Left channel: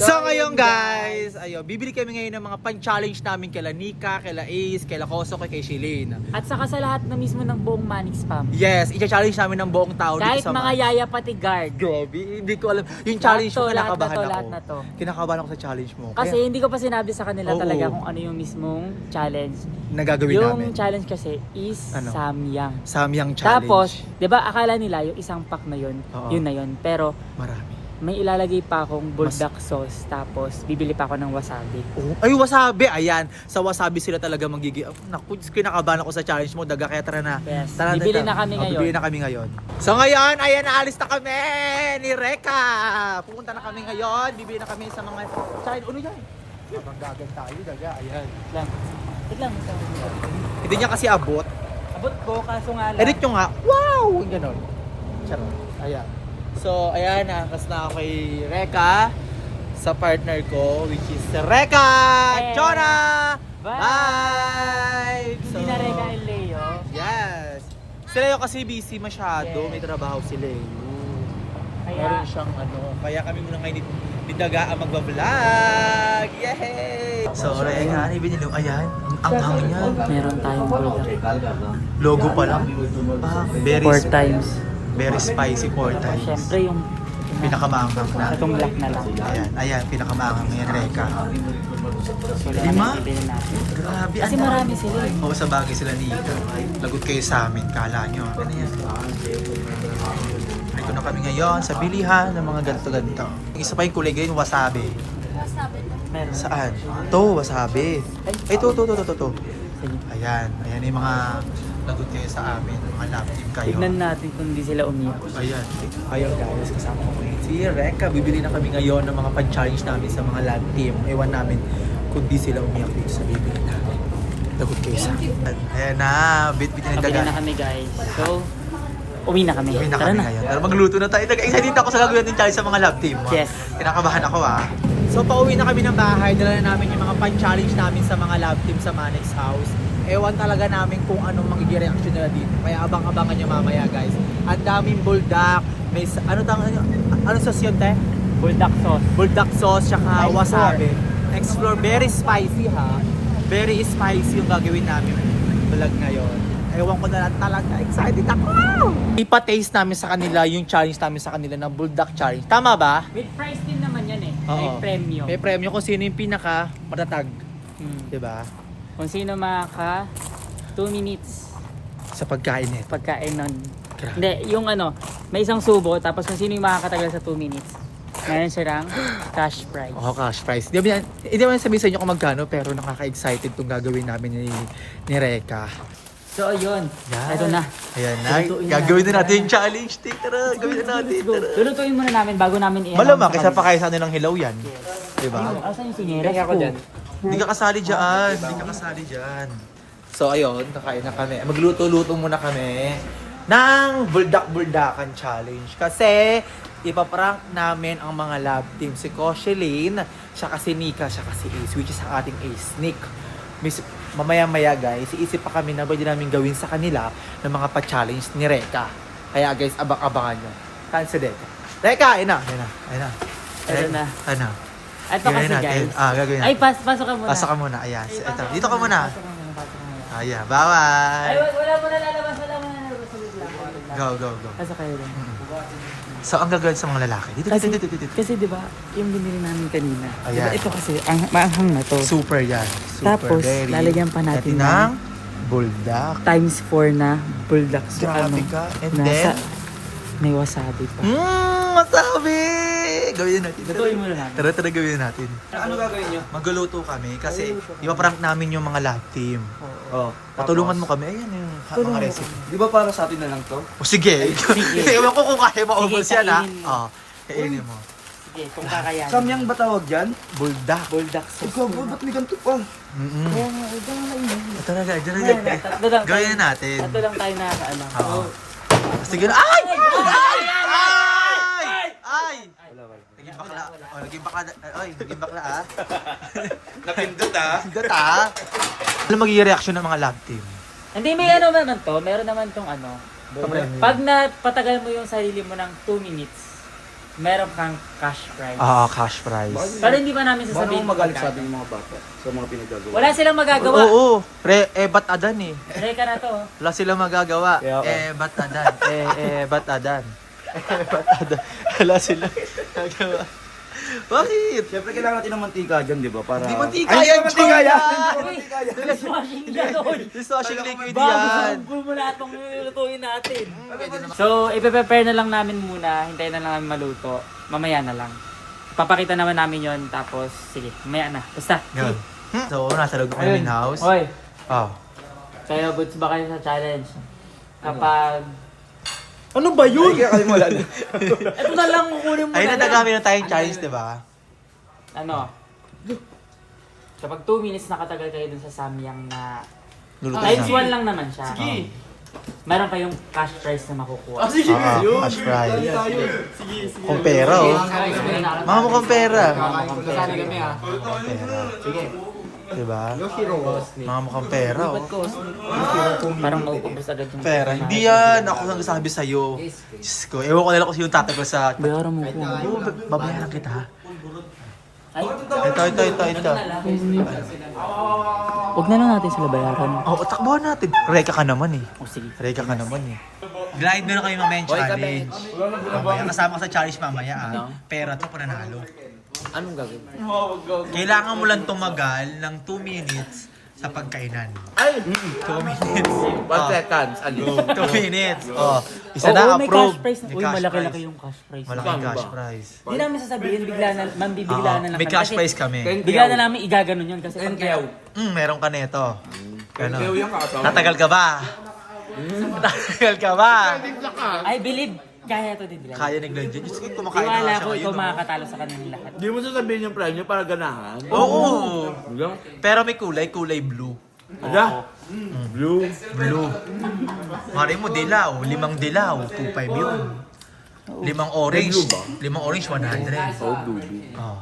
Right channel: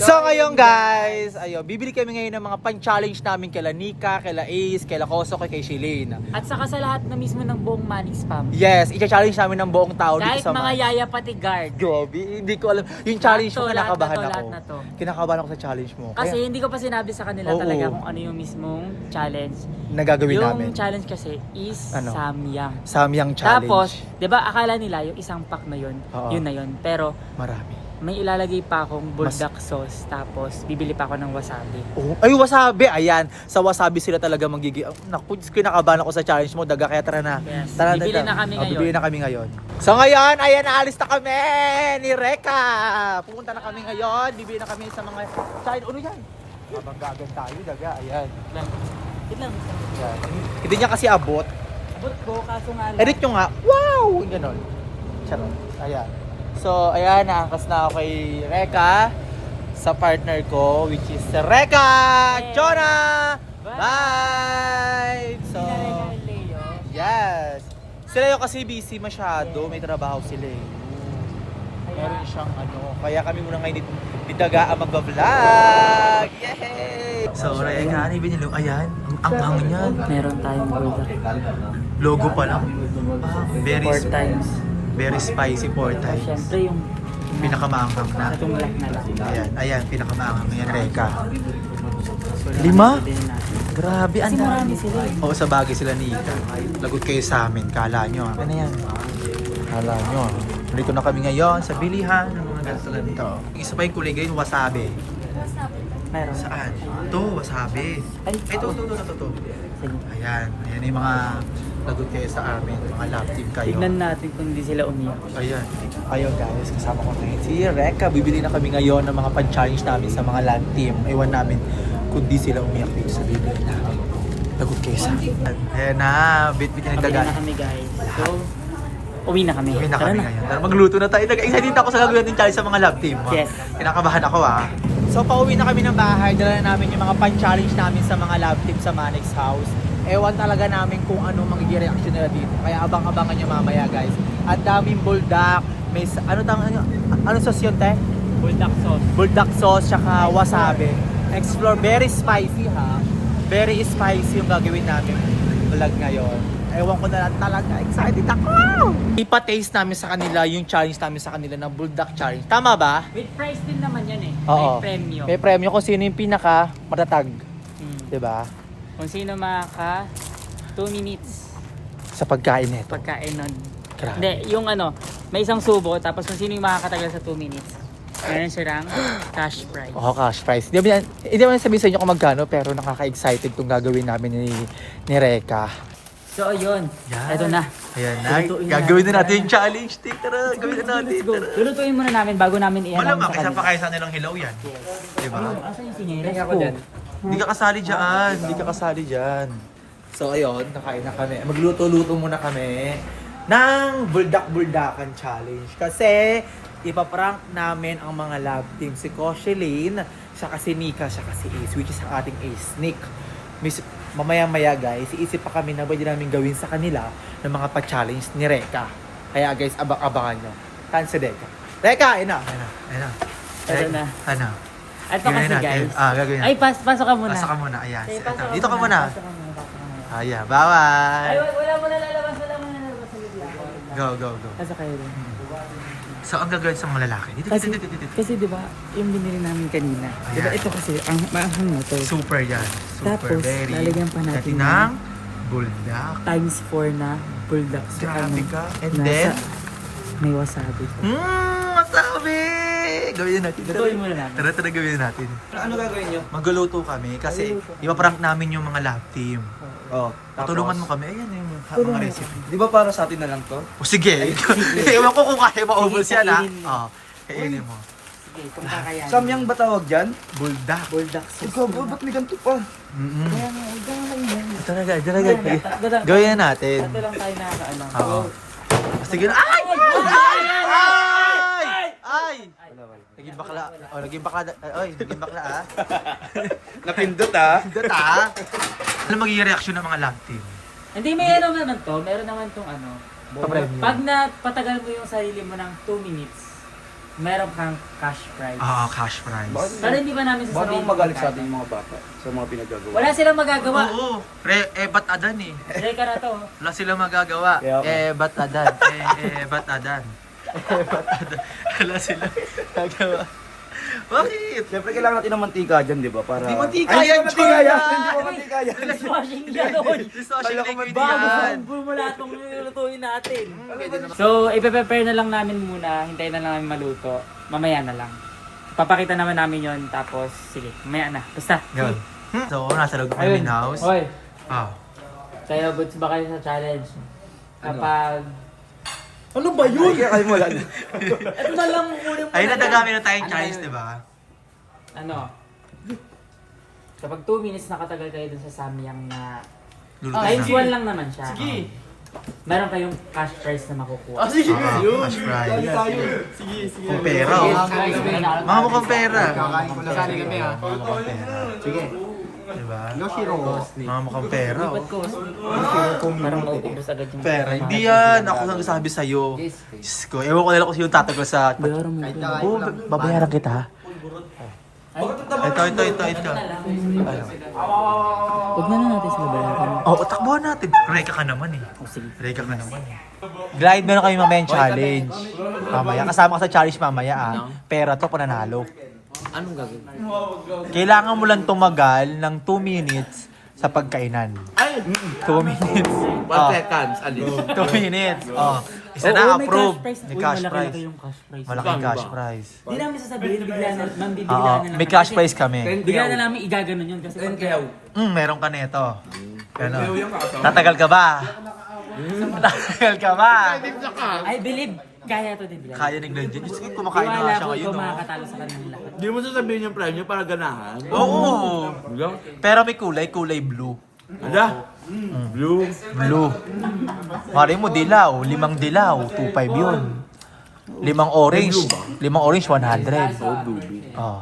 So ngayon guys, bibili kami ngayon ng mga pan-challenge namin kila Nika, kila Ace, kila Koso, kay Shilin. At saka sa lahat na mismo ng buong Manix Spam. Yes, i-challenge namin ng buong tao Kahit dito sa mga yaya pati guard. Grabe, hindi ko alam. Yung challenge mo, kinakabahan ako. Lahat na to. Kinakabahan ako sa challenge mo. Kasi hindi ko pa sinabi sa kanila Oo. talaga kung ano yung mismong challenge. Nagagawin Yung namin. challenge kasi is Ano? Samyang. Samyang challenge. Tapos, 'di ba akala nila yung isang pack na yun, Oo. yun na yun. Pero Marami. may ilalagay pa akong bulldog sauce, tapos bibili pa ako ng wasabi. Oh, ay, wasabi. Ayan. Sa wasabi sila talaga magiging. Naku, kinakabahan ako sa challenge mo. Daga, kaya tara na. Yes. Tara, Bibili tara. na kami ngayon. Bibili na kami ngayon. So ngayon, ayan, naalis na kami ni Reka. Pupunta na kami ngayon. Bibili na kami sa mga challenge. Ano yan? Habang gagan tayo, daga. Ayan. Wait lang. Hindi niya kasi abot. Abot ko, kaso nga Edit nyo nga. Wow! Ganon. Charot. Ayan. So, ayan, nakakas na ako kay Reka sa partner ko, which is Reka Chona! Bye! So, yes. Si Leo kasi busy masyado. May trabaho si Leo. Meron siyang kaya kami muna ngayon ditaga ang magbablog. Yay! So, Reka, ano yung binili? Ayan, ang anghang niyan. meron tayong bulldog. Logo pa lang. Very, 4 times. very spicy 4 times. Siyempre yung Pinakamaanghang na. itong black na lang. Ayan, pinakamaanghang yan, Reka. So, 5? bilhin natin. Grabe, Kasi ang marami dami. sila eh. Oo, sa bagay sila ni Ika. Lagot kayo sa amin, kala nyo. Ano yan? Kala nyo. Dito na kami ngayon sa bilihan ng mga ganito-ganito. Isa pa yung kulay ngayon, wasabi. Meron. Saan? To, wasabi. Ay, to. Sige. Ayan yung mga lagot kayo sa amin, mga love team kayo. Tignan natin kung hindi sila umiyak. Ayan. Ayun guys, kasama ko si Reka. Bibili na kami ngayon ng mga pan-challenge namin sa mga land team. Ewan namin kung di sila umiyak dito sa bibili namin. Lagot kayo sa akin. Ayan na, bit-bit na Pabili dagan. na kami guys. So, uwi na kami. Uwi na Tara kami ngayon. Tara, magluto na tayo. Excited ako sa gagawin natin challenge sa mga love team. Yes. Kinakabahan ako So, pauwi na kami ng bahay. Dala na namin yung mga pan-challenge namin sa mga love team sa Manix House. Ewan talaga namin kung anong magiging reaction nila dito. Kaya abang-abangan nyo mamaya guys. Ang daming buldak. May, ano sauce yun, te? Bulldog sauce. Buldak sauce, tsaka wasabi. Explore. Very spicy ha. Very spicy yung gagawin namin vlog na yon. Ewan ko na lang talaga. Excited ako! Ipa-taste namin sa kanila yung challenge namin sa kanila na buldak challenge. Tama ba? With price din naman yan eh. Oo. May premyo. May premyo kung sino yung pinaka matatag. Diba? Kung sino maka 2 minutes Sa pagkain nito. pagkain nun. Grabe. Hindi, yung may isang subo, tapos kung sino yung makakatagal sa 2 minutes. Ngayon siya lang cash prize. Oh, cash prize. Hindi naman sabihin sa inyo kung magkano, pero nakaka-excited itong gagawin namin ni Reka. So, yun. Yan. Ito na. Ayan na. Lutuin Gagawin na natin. natin yung challenge. Tara, gawin na natin. Let's go. Lulutuin muna namin bago namin i-announce Malamang, sa isa kanila. pa kayo sa nilang hilaw yan. Diba? Asan yung sineras ko? Hindi ka kasali dyan. Hindi ka kasali dyan. So ayun, nakain na kami. Magluto-luto muna kami ng buldak-buldakan challenge. Kasi ipaprank namin ang mga love team. Si Koshelin, siya si Nika, siya si Ace, which is ang ating Ace, Nick. Mamaya-maya guys, iisip pa kami na pwede namin gawin sa kanila ng mga pa-challenge ni Reka. Kaya guys, abang-abangan nyo. Kaan si Reka? Reka, ina. Ito na. Ano? Ito Gawin kasi natin. guys. Gagawin Ay, natin. pasok ka muna. Pasok ka muna. Ayan. Ito. Dito ka muna. Pasok ka muna. Ayan. Ay, Bye-bye. wala mo na lalabas. Wala mo na lalabas. Salit lang. Go. Pasok kayo din. So, ang gagawin sa mga lalaki. Dito. Kasi di ba yung binili namin kanina. Di ba Ayan. ito kasi ang maanghang na to. Super yan. Super. Tapos, Very. lalagyan pa natin ng buldak. times 4 na bulldog. So, Grabe ka. And nasa- then? May wasabi pa. Masabi! Gawin natin. Lutuin muna natin. Tara, gawin natin. Ano gagawin nyo? Magluluto kami kasi di ba prank namin yung mga love team. Oh, Patulungan mo kami. Ayan yung mga recipe. Di ba para sa atin na lang to? O sige. Ewan ko kung kaya maubos Sige, yan ha. kainin mo. Oo. Kainin mo. Sige, kung kakayanin. Samyang ba tawag dyan? Buldak. Bulldog sauce. Ikaw, ba't may ganito pa? Kaya nga, huwag kang maingat. Talaga. Tatlo lang Gawin tayo- na natin. Tatlo lang tayo nakakaalam. Oo. Sige na. Ay! Ay! Naging bakla. Oh, naging bakla. Oy, naging bakla ah. Napindot ah. Data ah. Ano magiging reaction ng mga love team? Hindi, may naman to. Meron naman tong Papremyo. Pag napatagal mo yung sarili mo ng 2 minutes, meron kang cash prize. Oo, cash prize. Pero hindi pa namin Baka sasabihin. naman magalit sa atin yung mga bata sa mga pinagagawa. Wala silang magagawa. Oo, ba't adan eh. Reka na to. Wala silang magagawa. Kaya ako. Ba't adan? Ba't adan? Ba't adan? Wala silang magagawa. Bakit? Siyempre kailangan natin ng mantika dyan, di ba? Para... Di mantika Ay, yan, mantika Joy, yan! yan! Hindi ko mantika yan! Dishwashing gano'n. Dishwashing liquid Bago yan. sanggol mo lahat ng nilulutuin natin. So, ipe-prepare na lang namin muna. Hintayin na lang namin maluto. Mamaya na lang. Papakita naman namin yon tapos, sige, mamaya na. Basta. Yun. So, nasa loob ng main house. Hoy, Ah. kayo goods ba kayo sa challenge? Kapag... Ano ba yun? Kaya kayo wala na. Ito na lang kukunin mo. Ayun, na lang. nadagamit na tayong challenge, di ba? Ano? Kapag 2 minutes nakatagal kayo dun sa samyang na... Luluto Times na. 1 lang naman siya. Sige. Meron kayong cash prize na makukuha. Sige, Cash prize. Sige, sige. Kung pera, oh. Mga mukhang pera. Nasali kami ah. Mga mukhang pera. Sige. Diba? Mga mukhang pera, oh. Parang mauubos agad yung... Pera. Hindi yan. Ako ang sabi sa'yo. Diyos ko. Ewan ko nila kung sino tatagal sa... Bayaran mo ko. Oo, babayaran kita, ha? Ay, Ito. Ano? huwag na lang natin sila bayaran. Oh, takbuhan natin. Reka ka naman, eh. O sige. Reka ka naman, eh. Glide na kami mamaya yung challenge. Mamaya. Kasama ka sa challenge mamaya, ah. Pera to, pananalo. Anong gagawin? Kailangan mo lang tumagal ng 2 minutes sa pagkainan. Ay! 2 minutes. 1 seconds, alis. 2 minutes. Oh, isa Oo, na may approve. cash prize. May Uy, cash malaki-laki prize. yung cash prize. Malaking Saan cash ba? prize. Hindi namin sasabihin, bigla na, mambibigla Oo, na lang. may cash prize kami. Bigla na namin igaganon yun kasi... Meron ka nito. Ganon. Tatagal ka ba? Tatagal ka ba? I believe, kaya to din. Kaya ni Glenn dyan. Diyos ko, kumakain na nga Iwala siya ko ngayon. ikaw oh. makakatalo sa kanilang lahat. Hindi mo sasabihin yung premyo para ganahan. Oo. Hanggang? Pero may kulay blue. Ada? Blue. Blue. Mari mo dilaw, 5 dilaw, 2.5 yun. 5 orange, Blue ba? 5 orange 100. Oh, blueberry. Oh.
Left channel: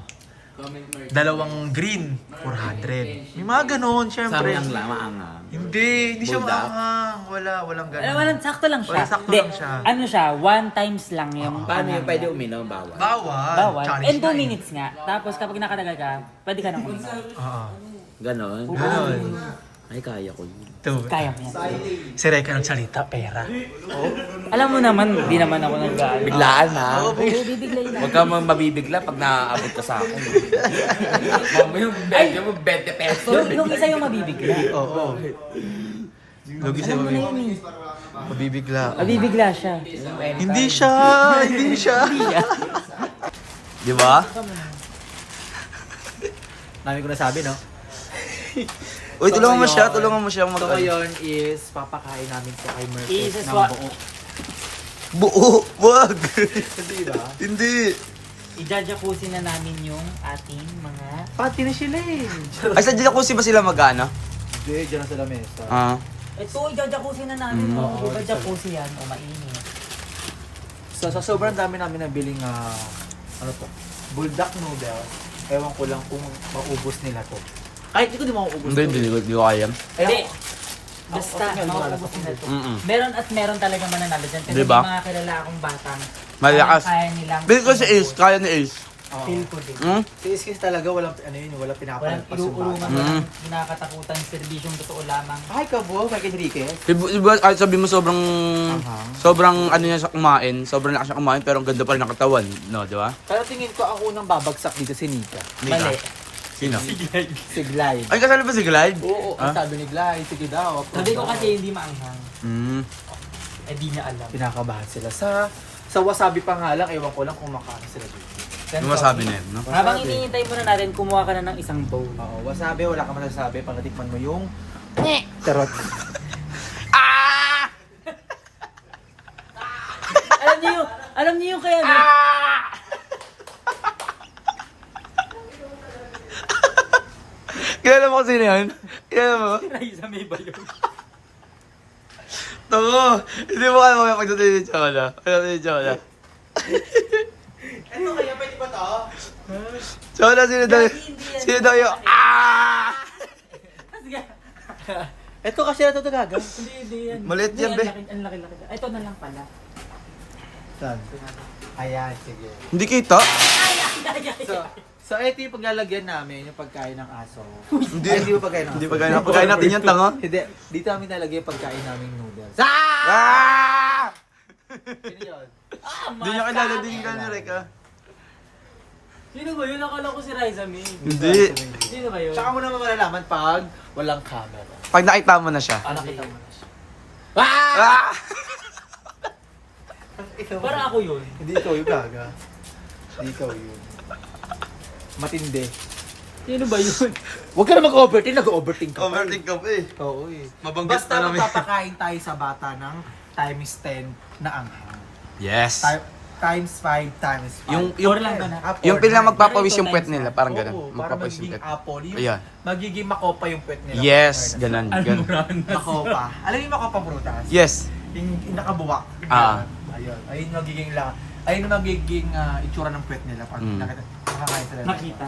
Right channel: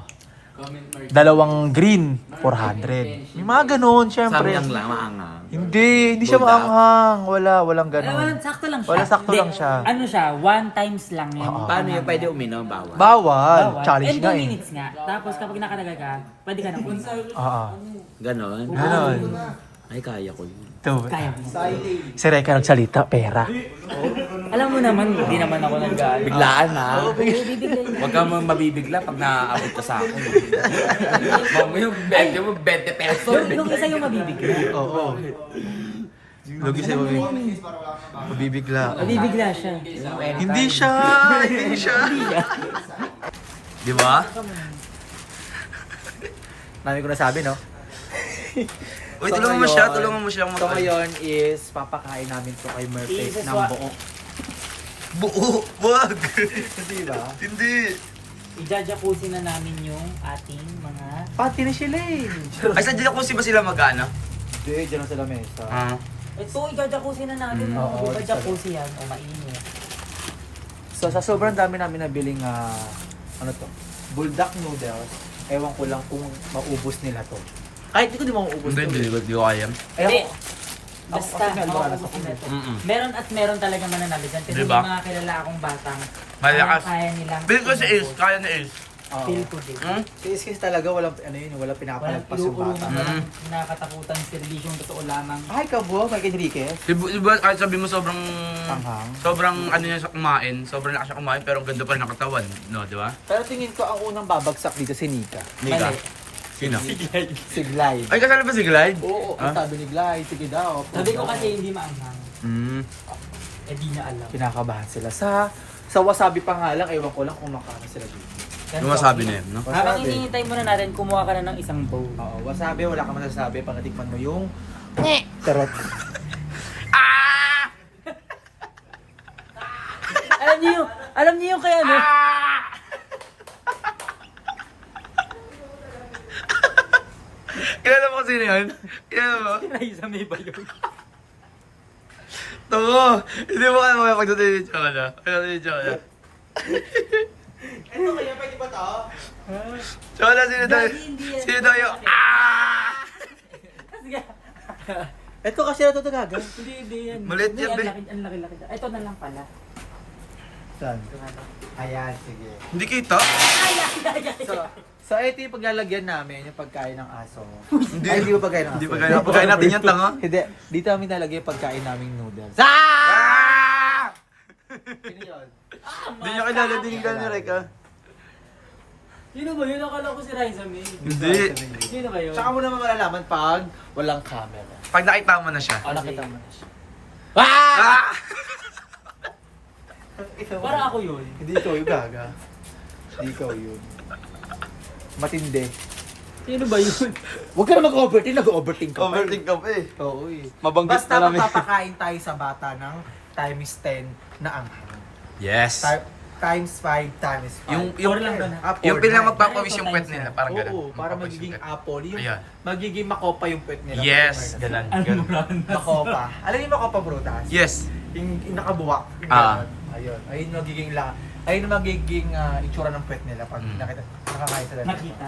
2 green 400. May mga ganun, syempre. Samyang lang, maangang. Hindi siya Bulldog. maanghang. Walang Ay, ganun. walang sakto lang siya. Wala, sakto Hindi, lang siya. Ano siya, 1 times lang yung... Paano yung pwede uminom? Bawal. Bawal. Bawal. Challenge And 2 na eh. minutes nga. Tapos kapag nakatagal ka, pwede ka na kumain. Oo. Ganon. Ganun. Ay, kaya ko yun. Ito. Kaya ko yan. Si Reka nagsalita, pera. Alam mo naman, hindi naman ako nag Biglaan ha. Oo, bibiglayin na. Huwag ka mabibigla pag naaabot ka sa akin. Mamaya yung 20 mo, 20 pesos. Nung isa yung mabibigla. Oo. Lugi sa'yo, Ano yun eh? mabibigla. Mabibigla siya. Hindi siya. Hindi siya. Di ba? Mami ko nasabi, no? Uy, tulungan mo siya. So ngayon is papakain namin to kay Murphy ng Isaswa- buo. Buo! Wag! Hindi ba? Hindi! Ijajakusin na namin yung ating mga... Pati na sila eh. Ay, sa jacuzzi ba sila mag-ano? Hindi, dyan na sila mesa. Ito, ijajakusin na namin. Oo, Oo, ijajakusin yan. O, mainit. So sa sobrang dami namin nabiling ano to, buldak noodles, ewan ko lang kung maubos nila to. Kahit hindi ko di maubos to. Hindi ko kaya. Hindi. Ako, Basta, mauubusin na ito. Meron at meron talaga mananalo dyan. Kasi Diba? may mga kilala akong batang Malakas. kaya nilang... Bill ko si Ace, kaya ni Ace. Feel ko din. Si Iskis talaga walang ano yun, walang Walang pinapalagpas yung inuurungan, bata. walang nakakatakutan, serbisyong totoo lamang. Ay, kabo, Mike Enriquez. Diba, kahit sabi mo sobrang... Anghang. Sobrang ano niya sa kumain, sobrang lakas niya kumain, pero ang ganda pa rin ng katawan. No, di ba? Pero tingin ko ang unang babagsak dito si Nika. Nika. Mali. Sino? Si Glide. Ay, kasali ba si Glide? Oo, ang sabi ni Glide, sige daw. Sabi ko kasi hindi maanghang. Eh di niya alam. Pinakabahan sila sa wasabi pa nga lang, ewan ko lang kung makakain sila dito. Yung masabi na yun, no? Habang hinihintay muna natin, kumuha ka na ng isang bowl. Oo, wasabi, wala ka masasabi pag natikman mo yung charot. Alam niyo yung kaya ano? Kilala mo sino yan? Kilala mo? Raisa may ba yun? Tango! Hindi mo kaya mamaya pagdating ni Chola. Pagdating ni Chola. Ito kaya, pwede ba to? Chola, sino daw? Sino daw yung... Ito kasi na ito talaga. Hindi yan. Maliit yan, be. Ang laki-laki. Ito na lang pala. Saan? Ayan, sige. Hindi kita. So ito yung paglalagyan namin, yung pagkain ng aso. Hindi. Ay, hindi yung pagkain ng aso. Hindi pagkain natin yan, tanga. Hindi, dito kami nalagay yung pagkain naming noodles. Ah! Sino yun? Hindi niya kilala din ka ni Reka. Sino ba yun? Akala ko si Riza May. Hindi. Sino ba yun? Tsaka mo naman malalaman pag walang camera. Pag nakita mo na siya. Ano kita mo na siya? Ah! Parang ako yun. Hindi ikaw yung gaga. Hindi ikaw yun. Matindi. Sino ba yun? Huwag ka na mag-overthink, nag-overthink ka pa. Overthink ka pa eh. Oo eh. Mabanggit Basta na namin. magpapakain tayo sa bata ng times 10 na anghang. Yes. Times 5 times 5. Yung Four lang ba na? Yung pinang mag... magpapawis yung Pero puwet ito nila, times parang gano'n. Oo, para Magpapawis magiging yung puwet. apple. Yung Ayan. magiging makopa yung puwet nila. Yes, ganun. Almoran. Makopa. Alam yung makopa prutas? Yes. Yung nakabuwak. Ah. Ayun. Ayun magiging ayun yung magiging itsura ng puwet nila pag Mm. nakakain sila. Nakita.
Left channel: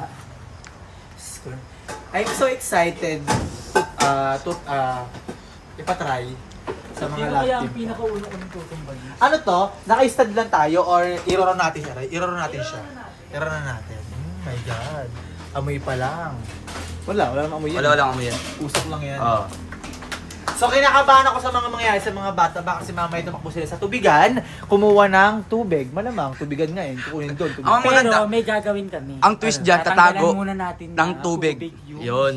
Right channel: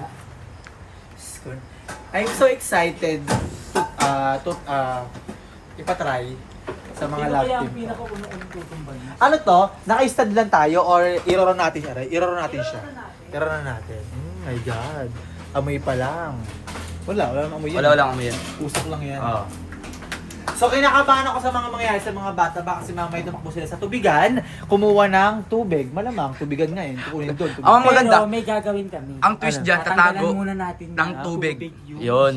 I'm so excited to ipatry sa mga Sino lab kaya ang team ko. pinakaunang tutumbay? Ano to? Naka-stud lang tayo or iroro natin siya? Iroro natin siya. Iroro natin. Oh my God. Amoy pa lang. Wala namang amoy yan. Wala kami yan. Usok lang yan. Oo. So kinakabahan ako sa mga mangyayari sa mga bata ba kasi mamaya tumakbo sila sa tubigan, kumuha ng tubig. Malamang tubigan nga yun. Kukunin doon. Tubig. Ang maganda, Pero may gagawin kami. ang twist dyan, Tatanggalan tatago muna natin ng na tubig. yung Yun.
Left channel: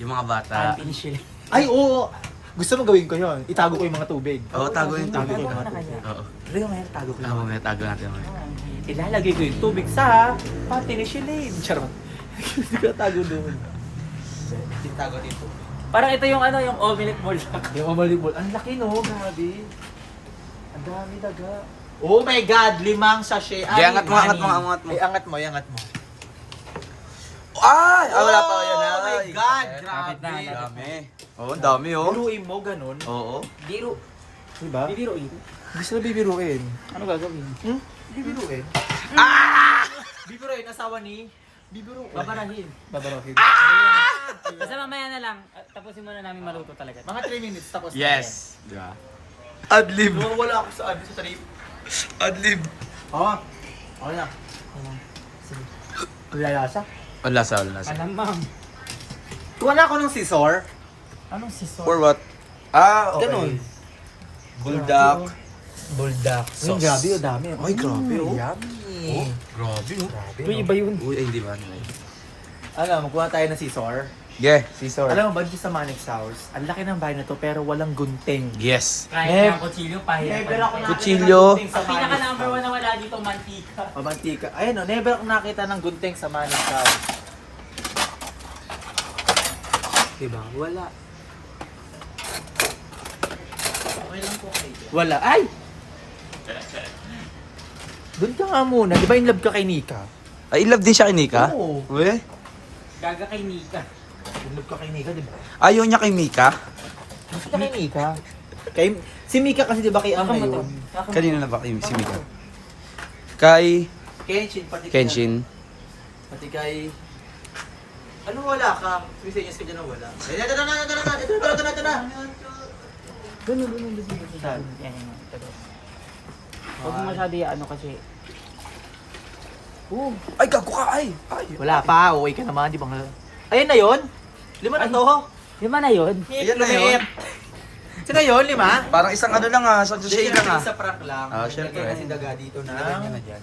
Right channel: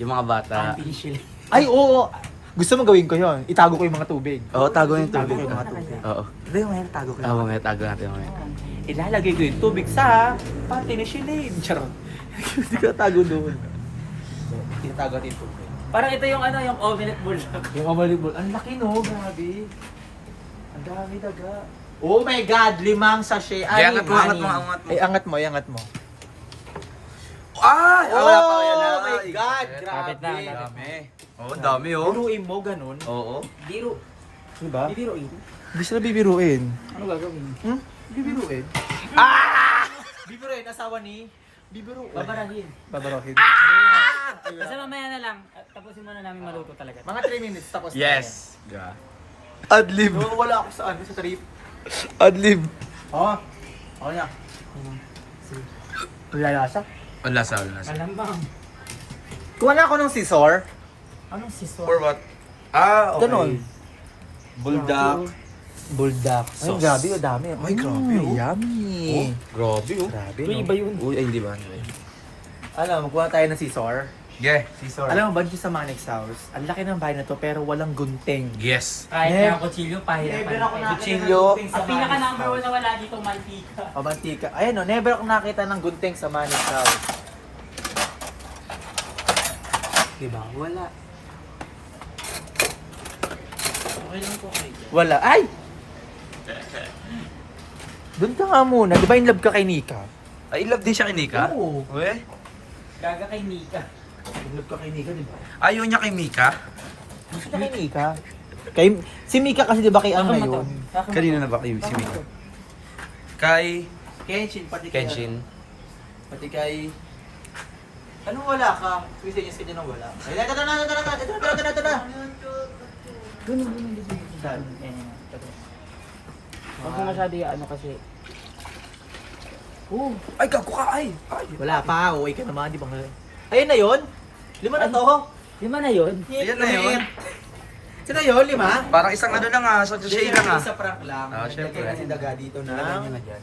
Yung mga bata. initially. Ay, oo. Gusto mo gawin ko yun. Itago ko yung mga tubig. Oo, tago yung Tago tubig. ko yung mga tubig. Oo. Ano yung ngayon? Tago ko Tago nga, tago natin mamaya. Ilalagay ko yung tubig sa pati ni Shilane. Charot. Hindi ko tago doon. Hindi tago dito. Parang ito yung ano, yung omelette bulldog. Yung omalibol. Ang laki no, grabe. Ang dami daga. Oh my God, 5 sachet. Di, angat mo, angat mo, angat mo. Ay, angat mo, angat mo. Ah! Wala pa yan. Oh my Ay. God, Kapit na, grabe. Dami. Oo, ang dami oh. Biruin mo, ganun. Oo. Biro. Diba? Bibiroin. Gusto na bibiruin. Ano gagawin? Hmm? Bibiruin. Ah! Bibiruin, asawa ni Bibiruin. Babarahin. Babarohin. Basta mamaya na lang. Tapusin muna namin maluto talaga. Mga 3 minutes tapos na Yes. Yeah. Adlib. yan. No, wala ako sa sa trip. Adlib. Oo. Ako na. Wala lasa. Wala sa, wala sa. Alamang. Kuha na ako ng scissor. Anong sisor? For what? Ah, okay. Ganon. Buldak. Buldak. Ay, Sauce. grabe, ang dami. Ay, grabe oh. Yummy. Grabe oh. Grabe. Uy, iba yun. Uy, ay, hindi ba? Alam, magkuha tayo ng scissor. Yeah, scissor. Alam mo ba, dito sa Manix House, ang laki ng bahay na to pero walang gunting. Yes. Kahit na kutsilyo, pahirapan. Kutsilyo. Sa Ang pinaka number 1 na wala dito, mantika. O, mantika. Ayun o, never akong nakita ng gunting sa Manix House. Diba? Wala. Wala. Ay! Doon ka nga muna. Di ba in love ka kay Nika? Ay, in love din siya kay Nika? Oo. Uy. Gaga kay Nika. In love ka kay Nika, di ba? Ayaw niya kay Mika? Gusto niya kay Nika. Si Mika kasi di ba kay Ang ngayon? Kanina na ba kayo si Mika? Kay Kenshin, pati kay Kenshin. Pati kay... Anong wala ka? Sige, ka dyan ang wala. Ay, tara. Ganun. Yan. Huwag mo masyado ano kasi. Ay, gago ka, ay! Wala pa, uwi ka naman, di ba? Ayun na yun? 5 na to? 5 na yun. Ayan na yun. Ito na yun, 5? Parang isang ano lang ah, so say lang ah. Sa prank lang. Ah, Lagyan syempre. na si Daga dito na. Nilagay niya na dyan.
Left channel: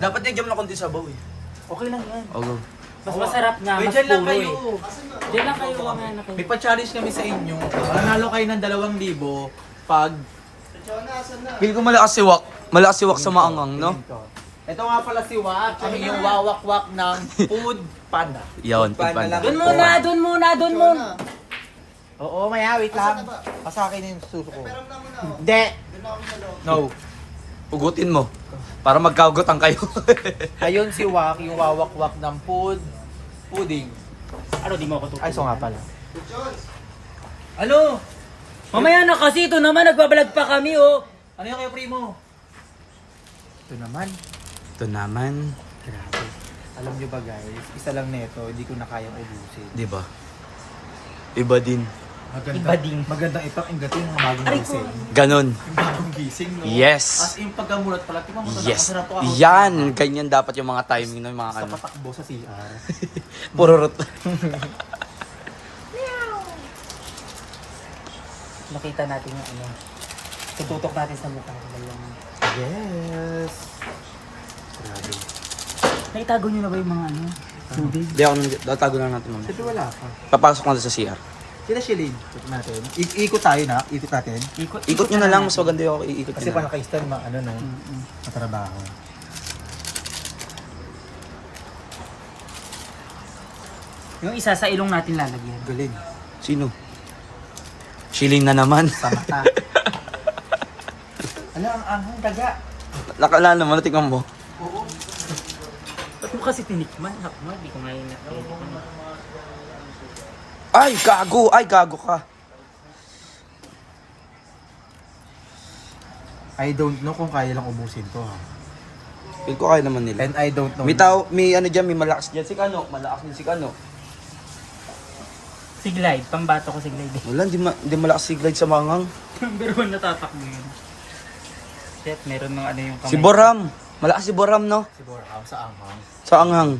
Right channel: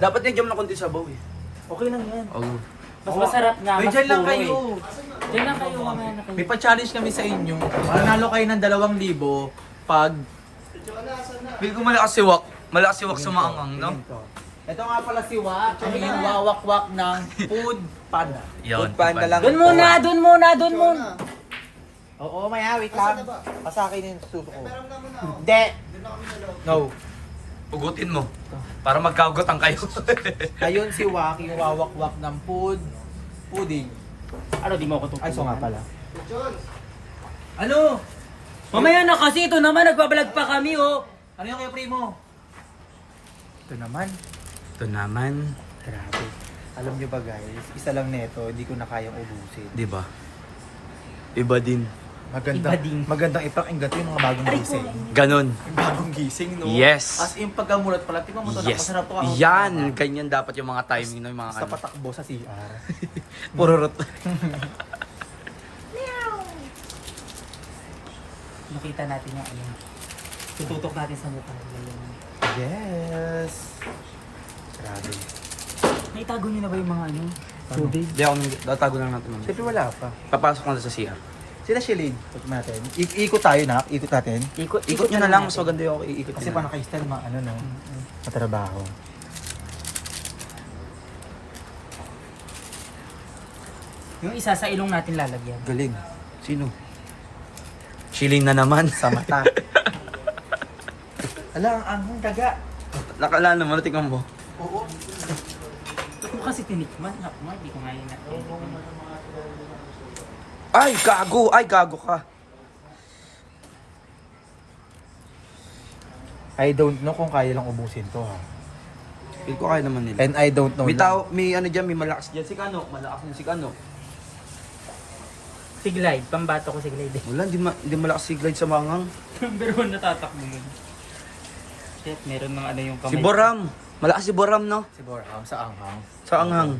Dapat yung jam na konti sabaw eh. Okay lang yan. Oo. Mas masarap nga, Ay, mas dyan lang puro kayo. eh. Diyan lang kayo, mamaya na kayo. May pa-challenge kami sa inyo. Manalo kayo ng 2,000 pag... Feel ko malakas si Wak. Malakas si Wak sa maangang, no? Tingin ko. Ito nga pala si Wak, yung wawak-wak ng Food Panda. Yun, Food Panda lang. Doon muna. Oo, maya, wait lang. Masakin yung suso ko. Hindi. No. Ugutin mo. Para magkaugutan kayo. Ayun si Wak, yung wawak-wak ng pudding. Ano, di mo ako tutulungan? Ay, so nga pala. Ano? Mamaya na kasi, ito naman, nagbabalag pa kami, oh. Ano yung kayo, primo? Ito naman. Ito naman. Grabe. Alam nyo ba guys, isa lang neto, hindi ko na kayang ubusin. Di ba? Iba din. Magandang ipakinggan to yung mga bagong gising. Ganon. Yung bagong gising, no? Yes. As in, pagkamulat pala, tingnan mo to na, Yes. masarap to. Yan. Ganyan dapat yung mga timing ng mga Basta ano. patakbo sa CR. Pururot. Makita natin yung ano. Tututok natin sa mukha nila yung... Yes. Grabe. Naitago nyo na ba yung mga ano? Tubig? Hindi ako, tatago lang natin mamaya. Siyempre wala pa. Papasok na sa CR. Sila Shilin. Ikot natin. Ikot tayo na. Ikot natin. Ikot nyo na lang, mas maganda yung iikot Kasi nyo pa na. naka-style mga ano no. Matrabaho. Yung isa sa ilong natin lalagyan. Galing. Sino? Shilling na naman. Sa mata. Ala, ang anghang daga. Nakalala mo, natikman mo. Ba't mo kasi tinikman? Di ko ngayon na. Ay, gago! Ay, gago ka. I don't know kung kaya lang ubusin to. Feel ko kaya naman nila. And I don't know. May tao, may ano dyan, may malakas dyan. Si Kano, malakas din si Kano. Si Glide, pambato ko si Glide. Wala, hindi malakas si Glide sa mangang. Number 1 natatakbo yun. Shit, meron mga ano yung kamay. Si Boram. Malakas si Boram, no? Si Boram sa anghang. Sa anghang.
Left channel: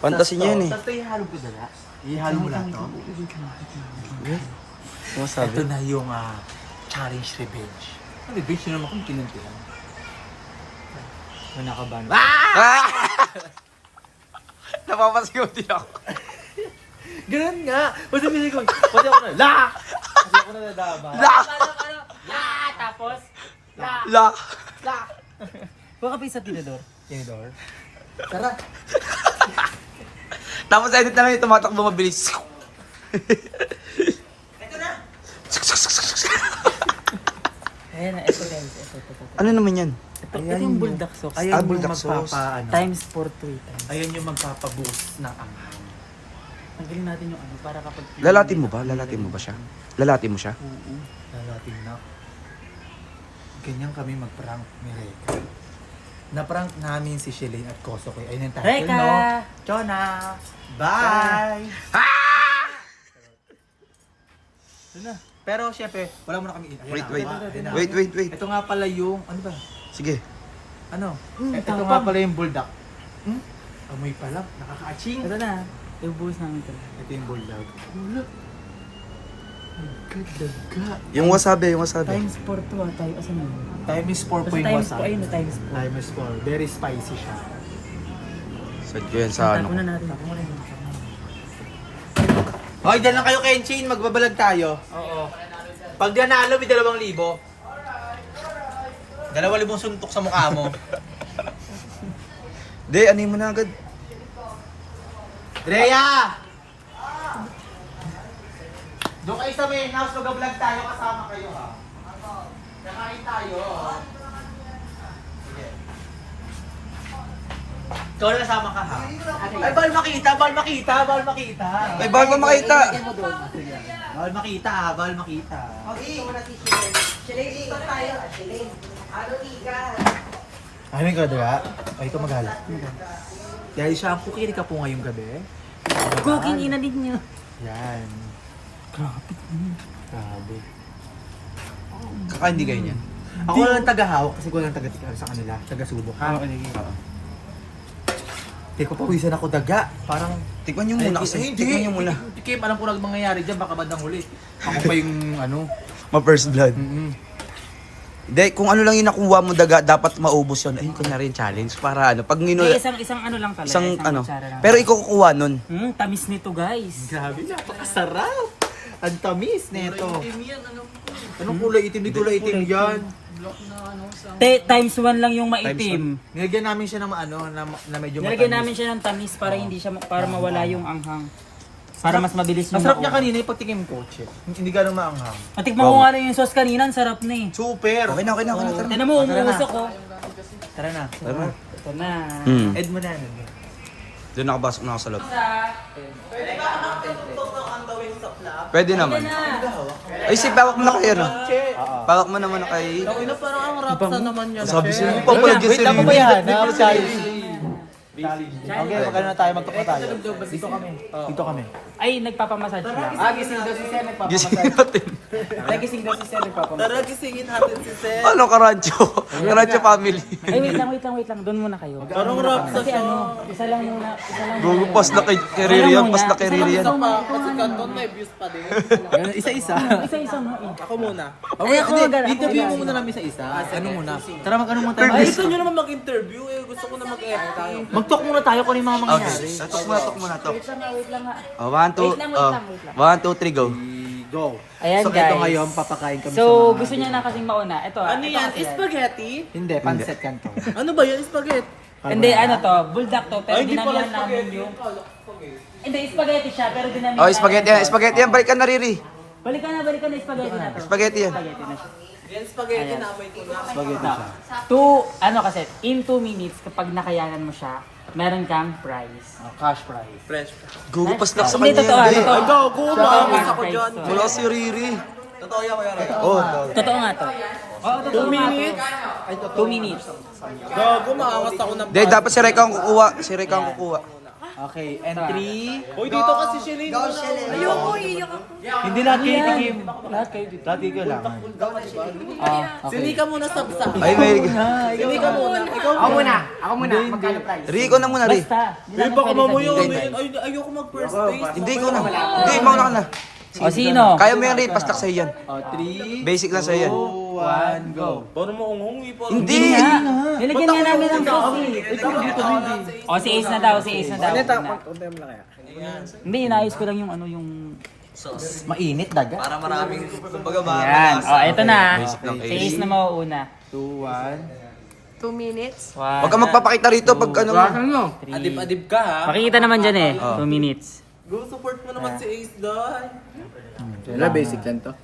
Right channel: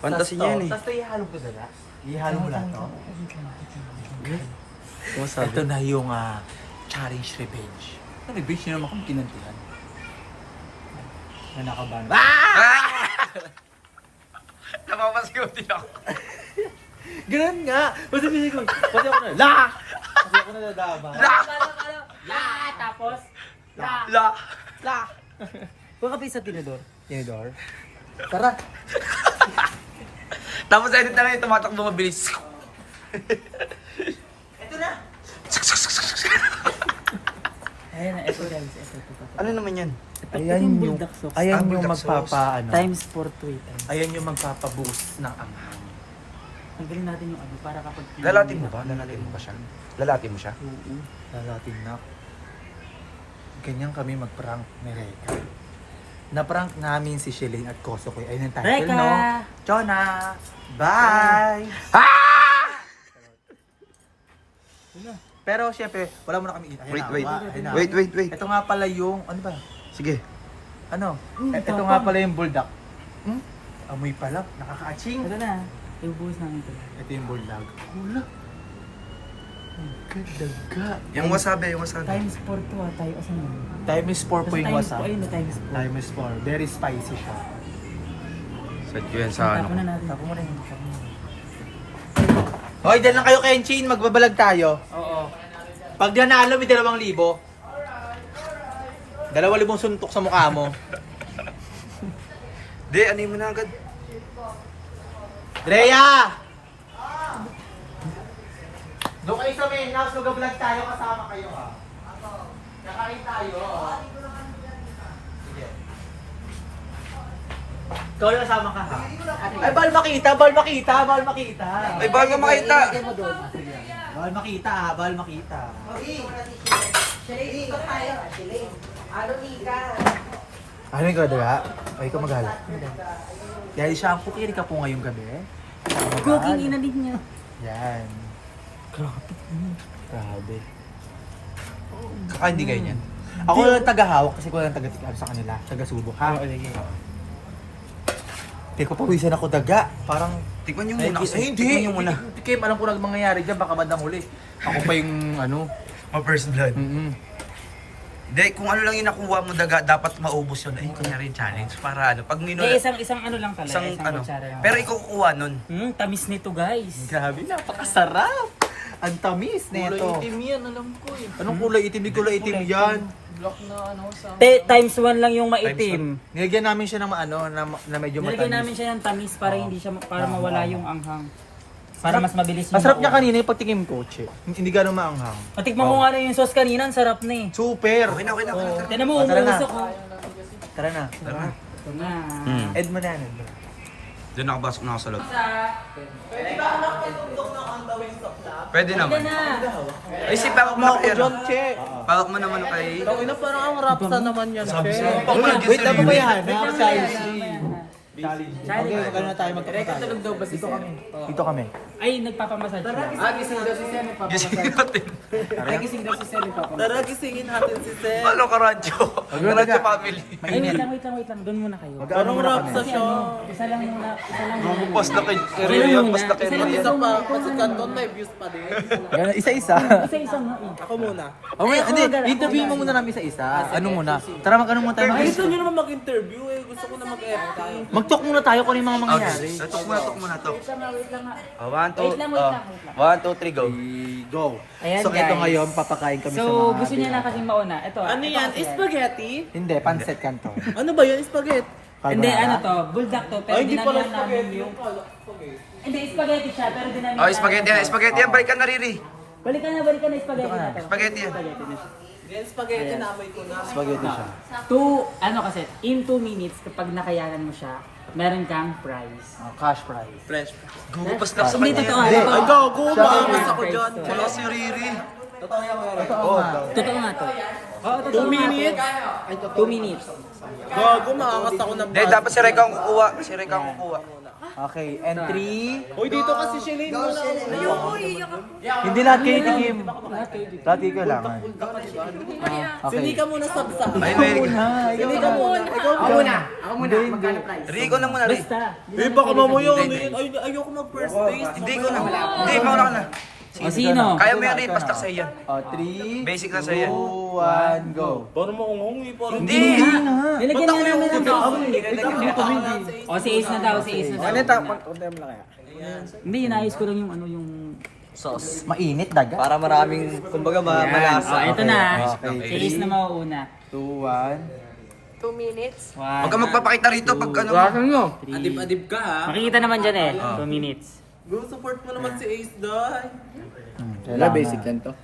Fantasy niya yan eh. Tapos pa ihalo ko dala. Ihalo mo na to. Ano masabi? Ito na yung challenge revenge. Ang revenge na naman kung kinantihan. Wala ka ba? Napapasigaw din ako. Ganun nga! Pati ko, pati ako na, la! Pati ako nadadama. La! Tapos? La! La. La! Huwag ka pa sa tinador. Yung door. Tara! Tapos edit namin yung tumatakbo mabilis. Ayan na, ito guys. Ito. Ano naman yan? Ito yung bulldog sauce. Ayan yung bulldog sauce. magpapaano. Times 4 to 8. Ayan yung magpapaboost ng anghang. Tanggalin natin yung ano para kapag... Lalatin mo ba? Lalatin mo ba siya? Lalatin mo siya? Oo. Lalating na. Ganyan kami mag-prank ni Reka. Na-prank namin si Shilin at Kosokoy. Ayun yung title, Reka! no? Chona! Bye! Pero syempre, wala mo na kami. Ayan Wait, na, wait. wait. Ito nga pala yung, ano ba? Sige. Ano? Ito tapang. nga pala yung bulldog. Amoy pa lang, nakaka-aching. Ito na. Ibubuhos namin ito. Ito yung bulldog. Wala. Daga. Yung wasabi. Times 4 to tayo. Asan yun? Time is 4 po yung Times wasabi. 4. Ayun, times 4. Time is 4. Very spicy siya. Sad ko yan sa Tapo ano. na natin. Tapo mo na yun. Hoy, dyan lang kayo Kenshin. Magbabalag tayo. Oo. Pag nanalo, may 2,000. 2,000 suntok sa mukha mo. Di, ano mo na agad? Rhea! Doon kayo sa main house, mag-vlog tayo, kasama kayo ha. Nakain tayo. Sige. Ikaw na kasama ka ha. Ay, bawal makita. Ay, bago makita. Bawal makita ha, bawal makita. Ano yung gada? Ay, ikaw maghala. Dahil shampoo, kiri ka po ngayong gabi. Cooking ina din niyo. Yan. Grabe. Kakain di kayo niyan? Ako lang taga-hawak kasi ko lang taga-tikal sa kanila. Taga-subok. Hindi ko pawisan ako daga. Parang... Tikman nyo muna kasi. Hindi. Tikman nyo muna. Kim, alam ko lang mangyayari dyan. Baka bandang huli. Ako pa yung ano. Ma-first blood. Mm-mm. Hindi, kung ano lang yung nakuha mo daga, dapat maubos yun. Ay, kunyari challenge para ano. Pag Eh, isang ano lang pala. isang ano. kutsara lang. Pero ikaw kukuha nun. Tamis nito guys. Grabe, napakasarap. Ang tamis neto. Anong kulay itim? Di kulay itim yan. Times 1 lang yung maitim. Nilagyan namin siya ng ano, na medyo Nilagyan matamis. namin siya ng tamis para hindi siya para mawala yung anghang. Para mas mabilis yung Masarap niya makuha. kanina yung pagtikim ko. Hindi gano'ng maanghang. Matikman ko nga rin yung sauce kanina, ang sarap na eh. Super! Okay na. Tignan mo, umuusok ko. Tara na. Ito na. Ed mo na. Ed mo na. Doon nakapasok na ako sa loob. Pwede naman. Ay, si pawak mo ako yun. Pawak mo naman ako kay... Okay na, parang ang rapsa naman yan. Sabi siya. Wait lang mo ba yan? Challenge. Okay, magkano na tayo, magkano tayo. Dito kami. Dito kami. Ay, nagpapamassage lang. Gising natin. Tara, gisingin natin si Seth. Ano ka, Radyo? Radyo family. Ay, wait lang. Doon muna kayo. Parang rap sa Kasi siya. ano, isa lang muna. Pas na kay Isa lang Ria, muna. pas na kay Isa lang Ria. Isa pa, kasi Canton may views pa din. Isa-isa. Isa nga eh. Ako muna. Okay, hindi. Interview mo muna namin isa-isa. Ano muna? Tara, mag-ano muna tayo. Ay, gusto nyo naman mag-interview eh. Gusto ko na mag-FT. Mag-talk muna tayo kung ano yung mga mangyayari. Talk muna, talk. Wait lang nga. 1, 2, 3, go. Go. Ayan, So, ito guys. ngayon, papakain kami sa So, mga... gusto niya na kasing mauna. Ito. Ano ito yan? kasi Spaghetti? Hindi, pancet canton. Ano ba yan? Spaghetti? Hindi, ano to, bulldog to, pero Ay, hindi pala dinamihan namin spaghetti yung... yung kala ko spaghetti. Hindi, spaghetti siya, pero dinamihan Oh, spaghetti yan. Balik ka na, Riri. Balik ka na, spaghetti na to. Spaghetti yan. Spaghetti na siya. Yan, spaghetti na amoy ko na. Spaghetti siya. Ano kasi, in 2 minutes, kapag nakayanan mo siya, meron kang prize. Cash prize. Fresh. Gugo, pas na sa Hindi, kanya. totoo. Ay, gago. Maangas ako dyan. Kaya si Riri. Totoo nga to. Oo, 2 minutes? 2 minutes. Gago, maangas ako na Hindi, dapat si Reka ang kukuha. Si Reka ang kukuha. Okay, and 3... Uy, dito kasi Shelly muna. Hindi lahat kayo tikim. Lahat kayo kailangan. Sini ka muna sabsa. Ay, may... Sini ka muna. Ikaw muna. Hindi. Riri ko na muna, Riri. Basta. Eh, baka mamuyo. Ay, ayoko mag-first base. Hindi ko na. Hindi, mauna ka na. O sino? Kaya mo yan, Riri. Pastak sa'yo yan. 3, Basic lang sa'yo yan. 2, 1, go. Parang maungong eh. Parang Hindi nga. Nilagyan nga namin ng Ikaw dito, Mindy. O, si Ace na daw, si Ace na daw. Kontem lang kaya. Hindi, inaayos ko lang yung ano, yung... Mainit, daga. Para maraming, kumbaga Yan. O, eto na. Okay. Si Ace na mauuna. 2, 2 minutes. Huwag ka magpapakita rito pag ano mo. Adib-adib ka ha. Makikita naman dyan eh. 2 minutes. Go support mo naman si Ace Doy. 1. Wala, basic lang to.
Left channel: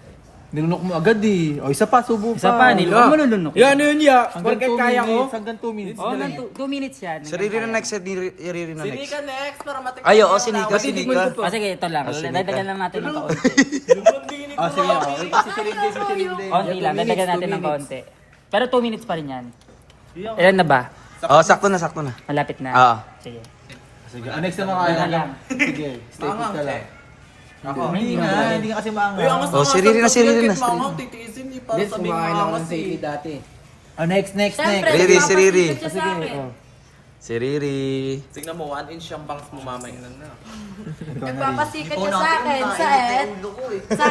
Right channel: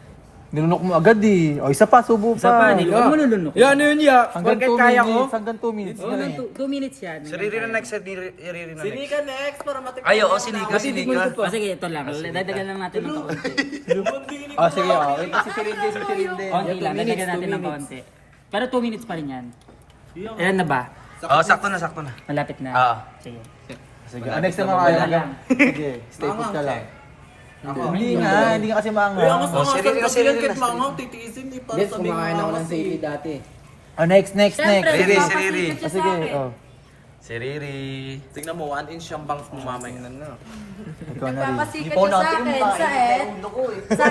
Nilunok mo agad eh. O, isa pa, subo pa. Isa pa, nilunok mo nilunok. Yan, yun ya. Hanggang 2 minutes. Hanggang 2 minutes. Oo, 2 minutes yan. Si Riri na next, si Riri na Sini next. ka next para matikman. Ay, oo, sinika. O sige, ito lang. Dadagan lang natin ng kaunti. O, sige, o. Si Silinde, si Silinde. Konti lang, dadagan natin ng kaunti. Pero 2 minutes pa rin yan. Ilan na ba? Oo, sakto na. Malapit na. Oo. Sige. Sige, next naman kayo. Sige, stay put ka lang. Hindi nga kasi maangas. Uy, angas Oh, si angasan Riri na, kasi si yan Riri kahit na. mangang titiisin eh. Para sabihin mangangas eh. dati. Oh, next. Siyempre, Riri, si Riri. magpapasikip siya sa Sige, akin. oh. Si Riri. Tingnan mo, 1 inch yung bangs mo mamaya. Ikaw na rin. Nagpapasikat siya sa akin. Sa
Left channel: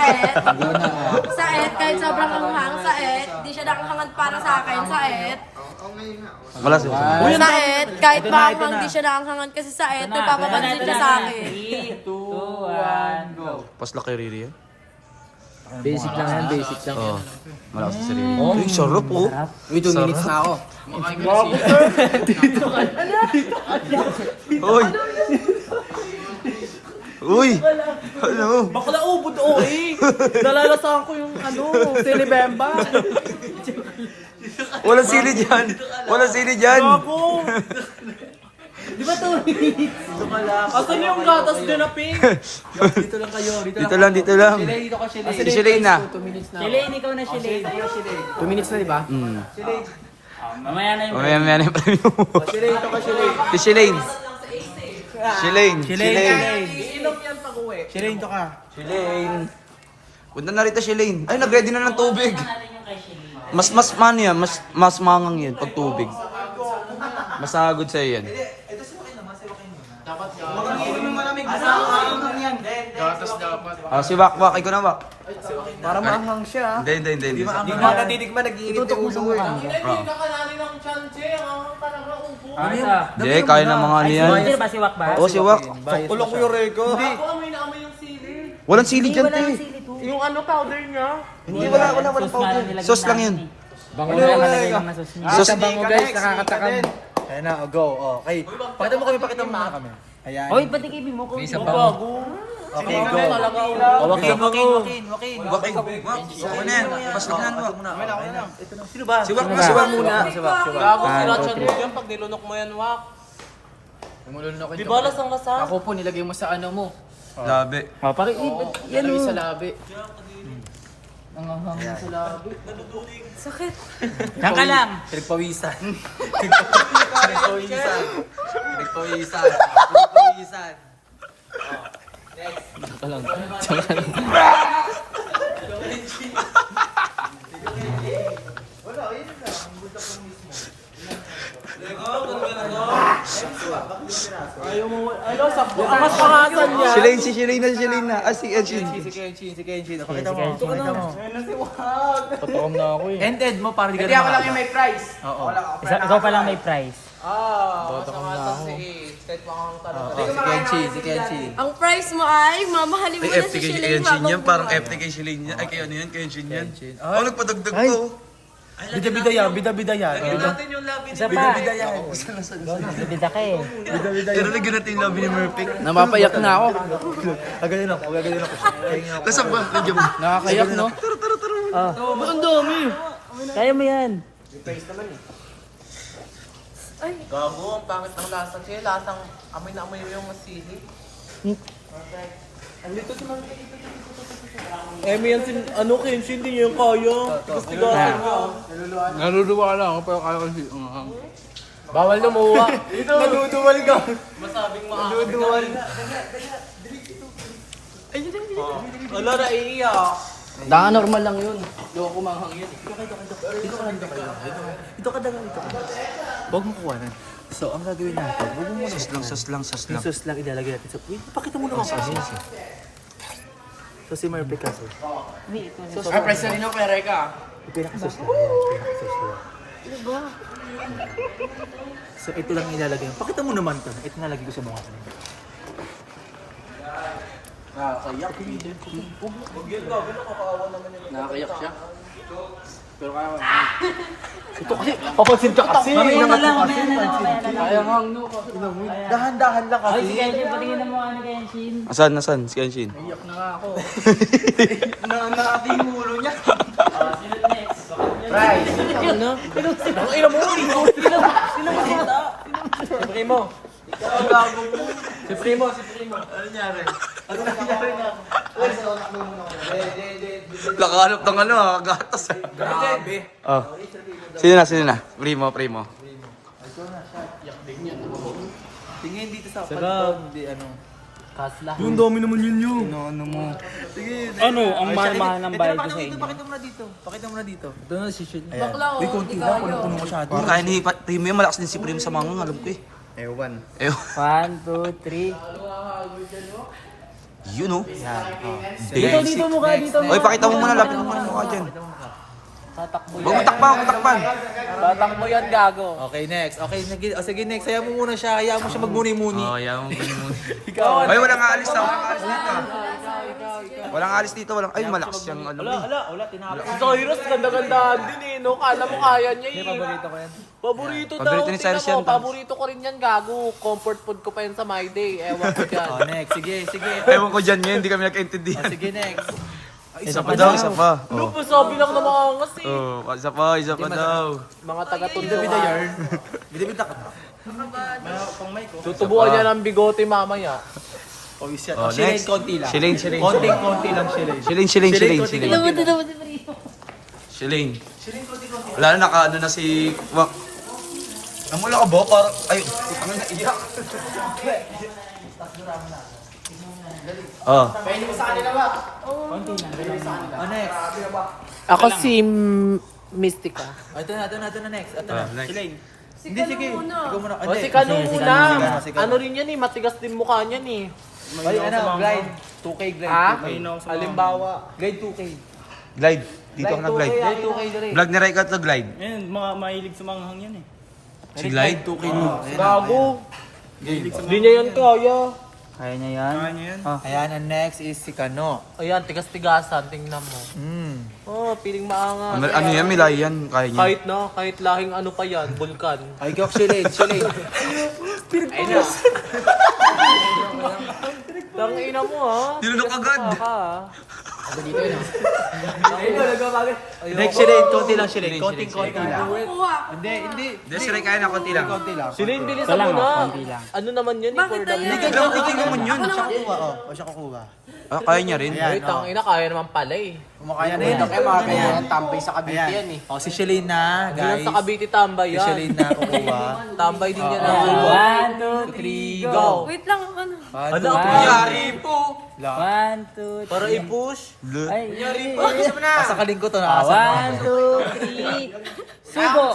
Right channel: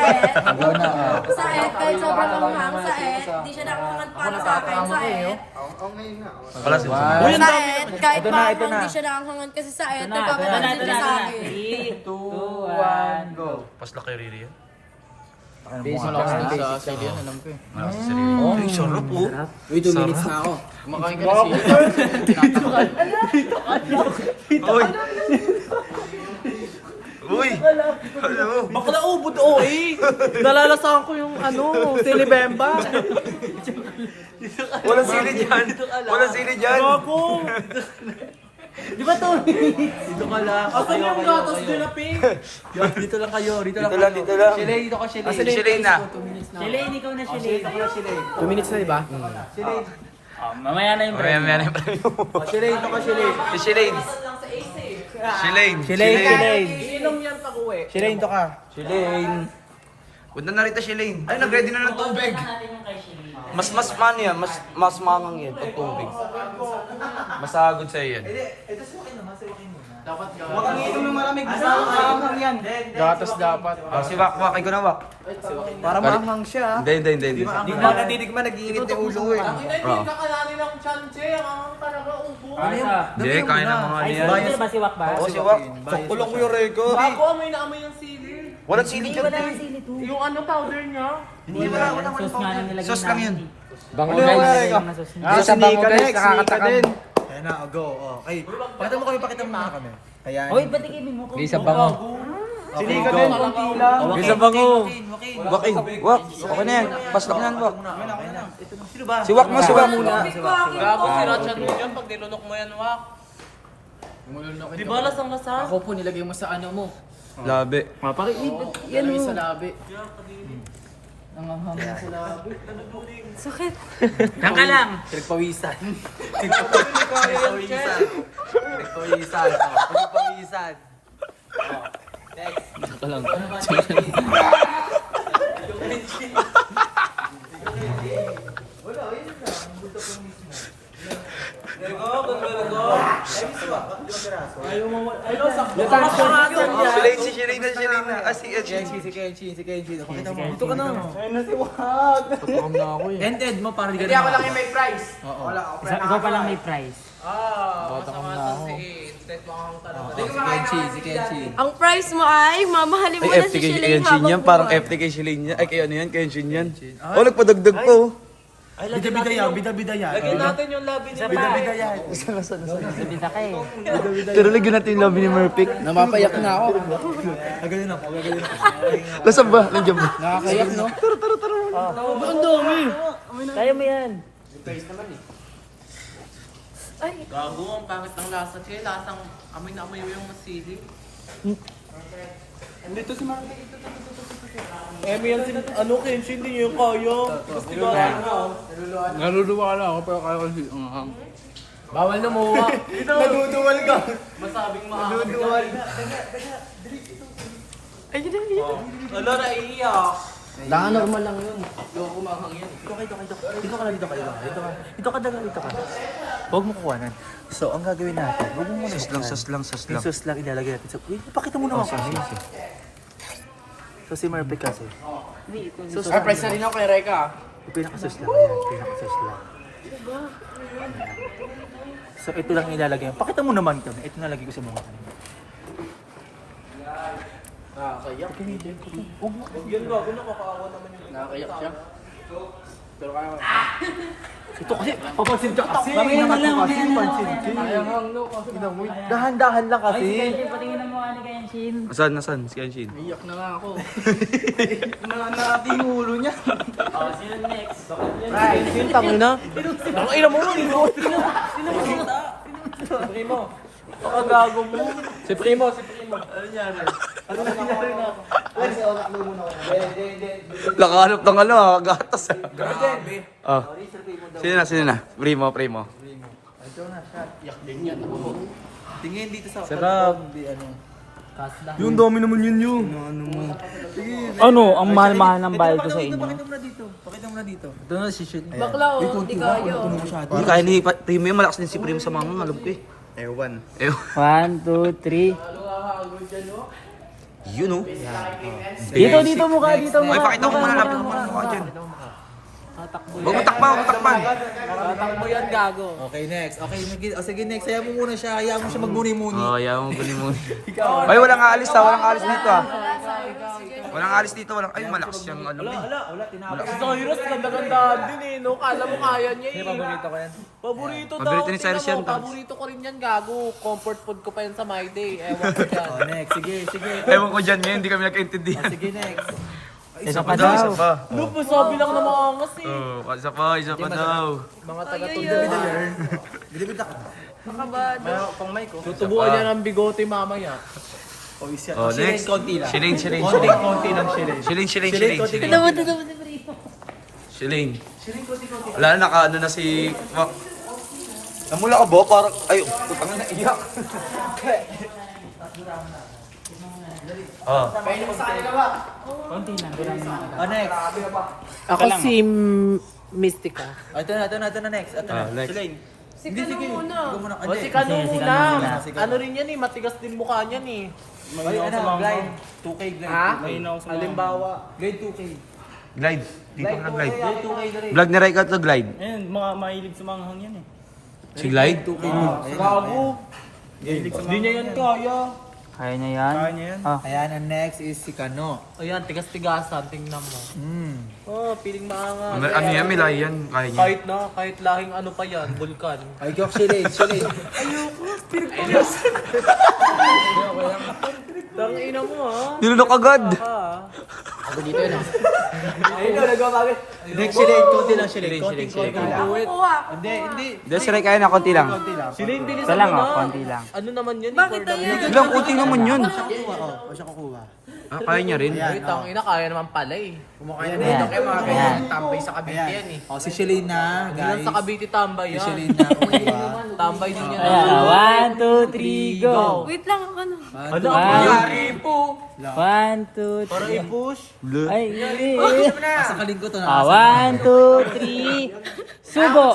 Ikaw na, oh. Sa kahit sobrang anghang sa di siya nakahangad para sa akin. Wala si One. Sa kahit Ito na, ito maanghang na. di siya nakahangad kasi sa Ito na, nagpapapansin siya sa akin. 3, 2, 1, go. Pas na kay Riri yun. Basic lang, basic. Oo. Wala si Riri. Ay, sarap oh. Uy, 2 minutes na ako. Uy. Uy. Ano? Bakla ubod o eh. Nalalasahan ko yung ano, Telebemba. Walang sili dyan. Walang sili dyan. Gago. Di ba 2 minutes? Asan yung gatas dyan na pink? Dito lang kayo, dito lang kayo. Dito lang. Shile, dito ka, Shile. Silin na. Shilane, ikaw na Shilane. 2 minutes na diba? Mamaya na yung Okay, break. may ano pa Shile, dito ka, Shile. Si Shilane. Shilane. Inom yan pag uwi. Shile, dito ka. Shilane. Punta na rito Shilane. Ay, nag-ready na ng tubig. Mas man yan. Mas mangang yan pag tubig. Masagod sa'yo yan. Oh, si Wakwak. Ikaw na, Wak. Para maanghang siya. Hindi. Hindi mo natitigman, nag-iinit yung ulo ko eh. Oo. Nakalali ng chance eh. Ang talaga ubo. Hindi, kaya ng mga ano yan. Bumayos ba si Wak ba? Oo, si Wak. Kulong ko yung reko. Ako amoy na amoy yung sili. Walang sili dyan, te. Yung ano powder niya. Hindi wala ako naman Sauce nga lang nilagyan Sauce lang yan. Bango Wala na naman yung nilagyan reko. na sauce niya. Sa bango guys, next, nakakatakam. sneaker Ayan na, go. Okay. Pakita mo muna kami. Ayan. Hoy, ba't ikibin mo ko? Okay, go. O, wakin. Wak, Wak. Okay na yan. Paslok na yan, Wak. Si Wak mo, si Wak muna. Gago si Ratchet mo yan pag nilunok mo yan, Wak. Di ba lasang lasa? Ako po, nilagay mo sa ano mo. Labi. Mapaki. Nilagay sa labi. Sakit. Diyan ka lang. Pinagpawisan. Pinagpawisan. Si Shilane na. Ah, si Kenshin. Si Kenshin. Pakita mo. Dito ka na. Patukam na ako eh. Ended mo, parang hindi ka na makaka. Oo. Ikaw pa lang may prize. Patukam na ako. Si Kenshin. Ang price mo ay mamahalin mo Ay, na FT si kay Shilane Kenshin habang yan. Parang FT kay Shilane yan. Ay, kay ano yan? Kenshin yan. Oh, nagpadagdag ko. Bida-bida yan. Bida-bida yan. natin yung labi niya. Bida-bida yan. Bida ka eh. Pero lagyan natin yung lobby ni Murphy. Namapayak na ako. Gagalin ako. Nasaan ba? Nandiyan ba? Nakakayak no? Ang dami. Kaya mo yan. Gago, ang pangit ng lasa siya. Lahat ng amoy na amoy yung masili. Andito si mga... yan si... Ano Kenshin, hindi niya yung kaya. Gusto ko Naruduwa lang ako pero kaya ko si... Bawal na muha. Dito. Naduduwal ka. Masabing maahon. Naduduwal. Wala na iiyak. Normal lang yun. Yung kumahang yan. Dito ka. Huwag mo kukuhanan. So, ang gagawin natin, huwag mo muna Sas lang. yung sauce lang ilalagay natin. So, wait, pakita mo naman kasi. So, si Murphy kasi. Sauce lang. Presa rin ako kay Reka. Pinaka-sauce lang. Ayan, pinaka-sauce lang. So, ito lang ilalagay. Pakita mo naman ito. Ito nalagay ko sa mukha ko. Nakakayak. Nakakayak siya. Pero kaya Ito kasi, papansin ka kasi. Nangat mo kasi, pansin. Dahan-dahan lang Oy, si kasi. Kenshin, patingin na mukha ni Kenshin. Nasaan? Si Kenshin. iyak na nga ako. Nakati yung ulo niya. Sino next? Tangin na. Ang ina mo. Sino makita? Si Primo. Ang gago mo. Si Primo. Ano nangyari? Nakahanap ng ano, gatas. Grabe. Oh. Sino na? Primo. Tingin dito sa sarap. Di ano. Yung dami naman yun. Ano mo? Ano, ang mahal-mahal ng bayad ko sa inyo. Pakita mo na dito. Ito na si Shit. bakla Uy, oh. konti lang. Puno masyado. Kaya ni Primo yung malakas din si Primo sa mangang, alam ko eh. Ewan. 1, 2, 3. Yun oh. Dito mukha, dito Oy, pakita mo muna, lapit mo muna mukha dyan. Huwag mo takpan. Tatakbo yan, gago. Okay, next. Sige, next. Hayaan mo muna siya. Hayaan mo siya magmuni-muni. Oh, yaman mo kunin mo. Ay, walang aalis Walang aalis dito Walang aalis dito. Ay, malakas siyang alam eh. Wala. Tinapos. Si Cyrus, ganda-gandaan din eh, no? Kala mo kaya niya eh. Paborito ko yan. Paborito daw. Paborito ni Cyrus tingnan mo, yan, Tans. Paborito ko rin yan, gago. Comfort food ko pa yan sa My Day. Ewan ko dyan. Oh, next. Sige. Ewan ko dyan ngayon, hindi kami nagkaintindihan. Sige, next. Isa pa daw. Look, masabi lang na mga angas eh. Oh, isa pa daw. Mga taga-tundo. Bida-bida ka ba? Tutubuan niya ng bigote mamaya. Oh, isa. Oh, Shilane, next. konti lang. Shilane. Konti lang, Shilane. Shilane. Alam mo, dito mo si Primo. Shilane. Wala na, naka-ano na si... Namula ka ba? Parang... Ay, putang na iyak. Oh. Konti na. Oh, next. Ako si Mystica. Ito na, next. Next. Shilane. Hindi, sige. Ikaw muna. O si Kano muna. Ano rin yan eh, matigas din mukha niyan eh. Ay, glide. 2K glide. Ah? Halimbawa. Glide 2K. Glide. Dito ka na glide. Glide 2K na rin. Vlog ni Raika to glide. Ayun, mga mahilig sa manghang yan eh. Si glide? 2K. Gago. Hindi niya yan kaya. Kaya niya yan? Kaya niya yan? Ayan, ang next is si Kano. Ayan, tigas-tigasan. Tingnan mo. Oh, piling maangas. Ano yan? Milay yan. Kaya niya. Kahit lahing ano pa yan, vulkan. Ay, Gok, Shilane. Tang ina mo ha. Nilunok agad. Next, Shilane. Konti lang, Shilane. Konti lang. Kuha. Hindi. Hindi, si Raika yan. Konti lang. Konti lang. Sila yung Ito bilisan lang mo oh, na. konti lang. Ano naman yun? Bakit na yan? Ilang utin naman yun. Siya kukuha. O, siya kukuha. Kaya niya rin. Ayan, Wait, ang ina, kaya naman pala eh. Kumakaya na yun. Kaya mga ganyan, tambay sa Cavite yan eh. O, si Shalane na, Hindi lang guys. sa Cavite tambay Si yan. Shalane na kukuha. Tambay din yan. 1, 2, 3, go! Wait lang ako na. 1, 2, 3. Para i-push. Ay, Pasakalin ko to na. 1, 2, 3. Subo!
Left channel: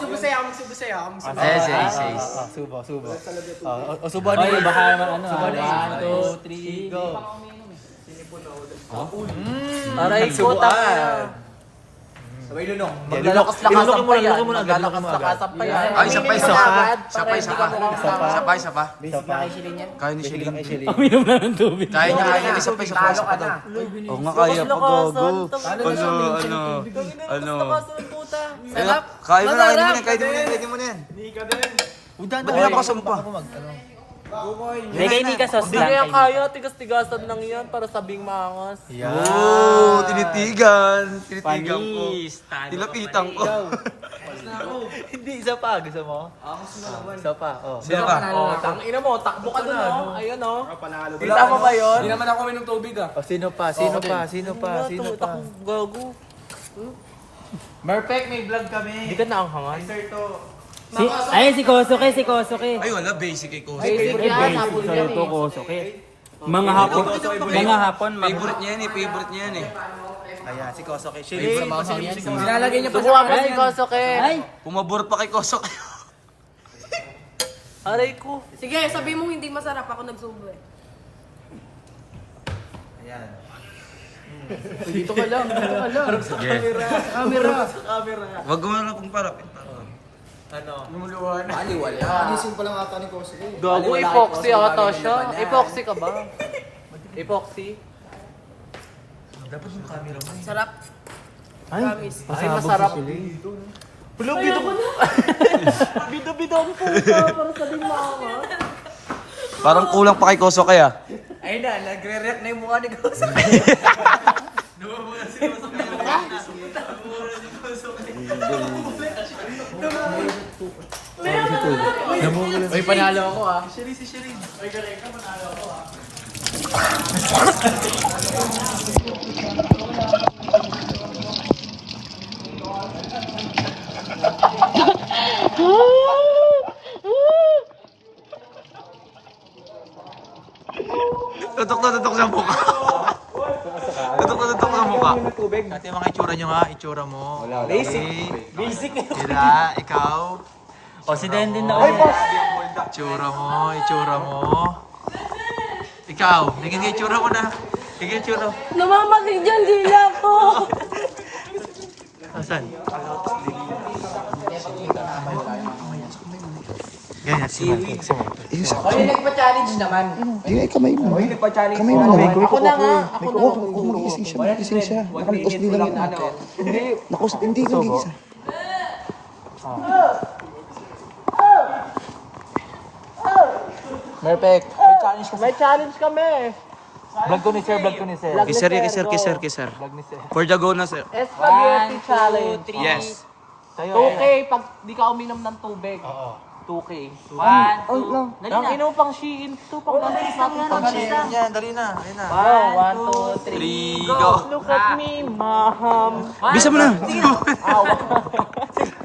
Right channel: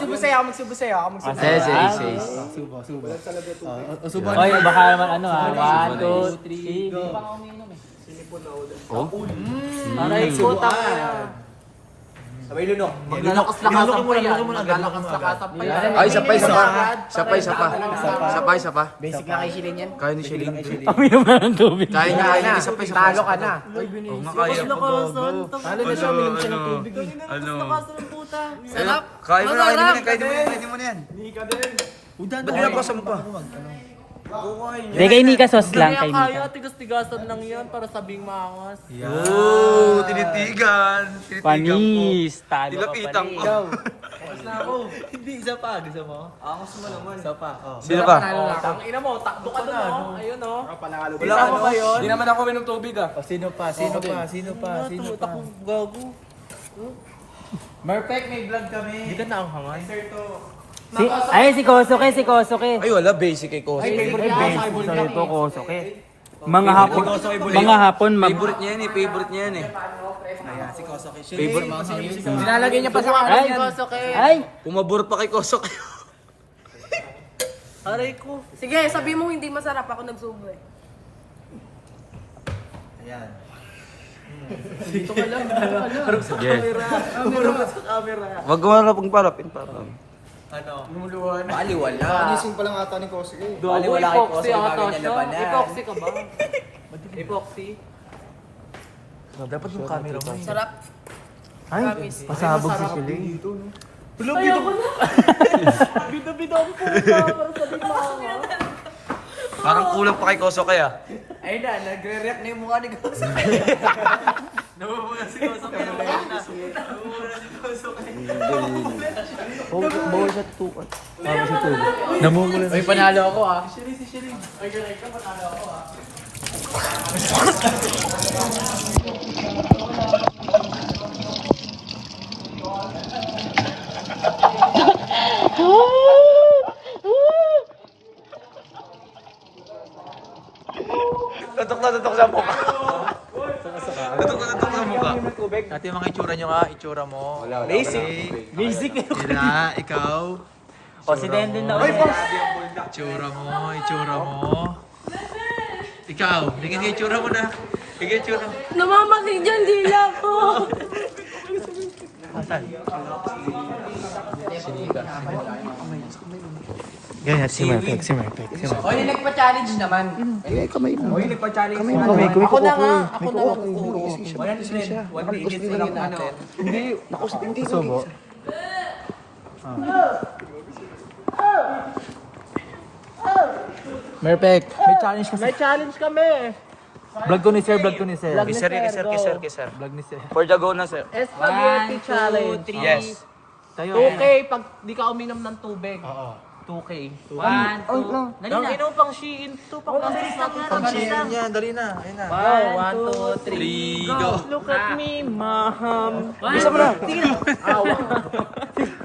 Subo. O, subo Ay, na. baka naman ano ha. 1, 2, 3, go! Nagsubuan. Sabay lunok. Lunok mo na. Ay, isa pa. Kaya ni Shalane. Paminom na ng tubig. Kaya niya, isa pa daw. Oo nga, kaya pa, gago. Ano? Sarap. Kaya mo Masarap. pwede mo na yan. Ba't pinapasam pa? Hindi, kay Nika sauce lang. Kaya Kay Nika. kaya, tigas-tigasan lang yan para sabing maangas. Oo, tinitigan. Tinitigan ko. Panis! Talo ka Tilapitan ko. Hindi, isa pa. Gusto mo? Isa pa. Oh. Sino pa? Ang ina mo, takbo ka na. Ayun o. Tingnan mo kayo. Hindi naman ako minom tubig ah. O, sino pa? Gago. Merpek, may vlog kami. Hindi ka naanghangan. Si Kosuke. Ay, wala. Basic kay Koso. Ay, basic sa'yo to, Kosuke. Mga hapon, Favorite niya yan eh. Favorite niya yan eh. Ayan, si Koso kay Nilalagay niya pa sa kanan yan. Ay! Pumabor pa kay Koso kayo. Aray ko. Sige, sabi mo hindi masarap ako nagsubo eh. Ayan. Sige. Wag mo na pong palapin pa. Ano? Gago, epoxy ata siya. Epoxy ka ba? Epoxy? Dapat yung camera mo. Sarap. Ay! Promise. Pasabog si Shalane. Parang kulang pa kay Koso kaya. Ayun na, nagre-react na yung mukha ni Koso. May panalo ako ah. Tutok na tutok sa mukha. Tutok na tutok sa mukha. Ito yung mga itsura nyo ha. Itsura mo. Basic. Tira, ikaw. O, si Dendin daw. Itsura mo. Ikaw, naging itsura mo na. Naging itsura mo. Namamalig dyan, dila ko. Asan? Ganyan, si Martek. Oy, nagpa-challenge naman. Kamay mo. Ako na nga. Ako na nga. Gising siya. Nakalikos din lang ako. Nakos, hindi ko gigisa. Merpek. May challenge kami. Vlog ko ni sir. Kisir. For the go na, sir. Spaghetti challenge. Yes. 2K pag di ka uminom ng tubig. 2K. 1, 2. Ang inom pang Shein. 2 pang gansis natin. Yan, dali na. Ayun na. 1, 2, 3. 3, go. Look at me, mom. Bisa mo na.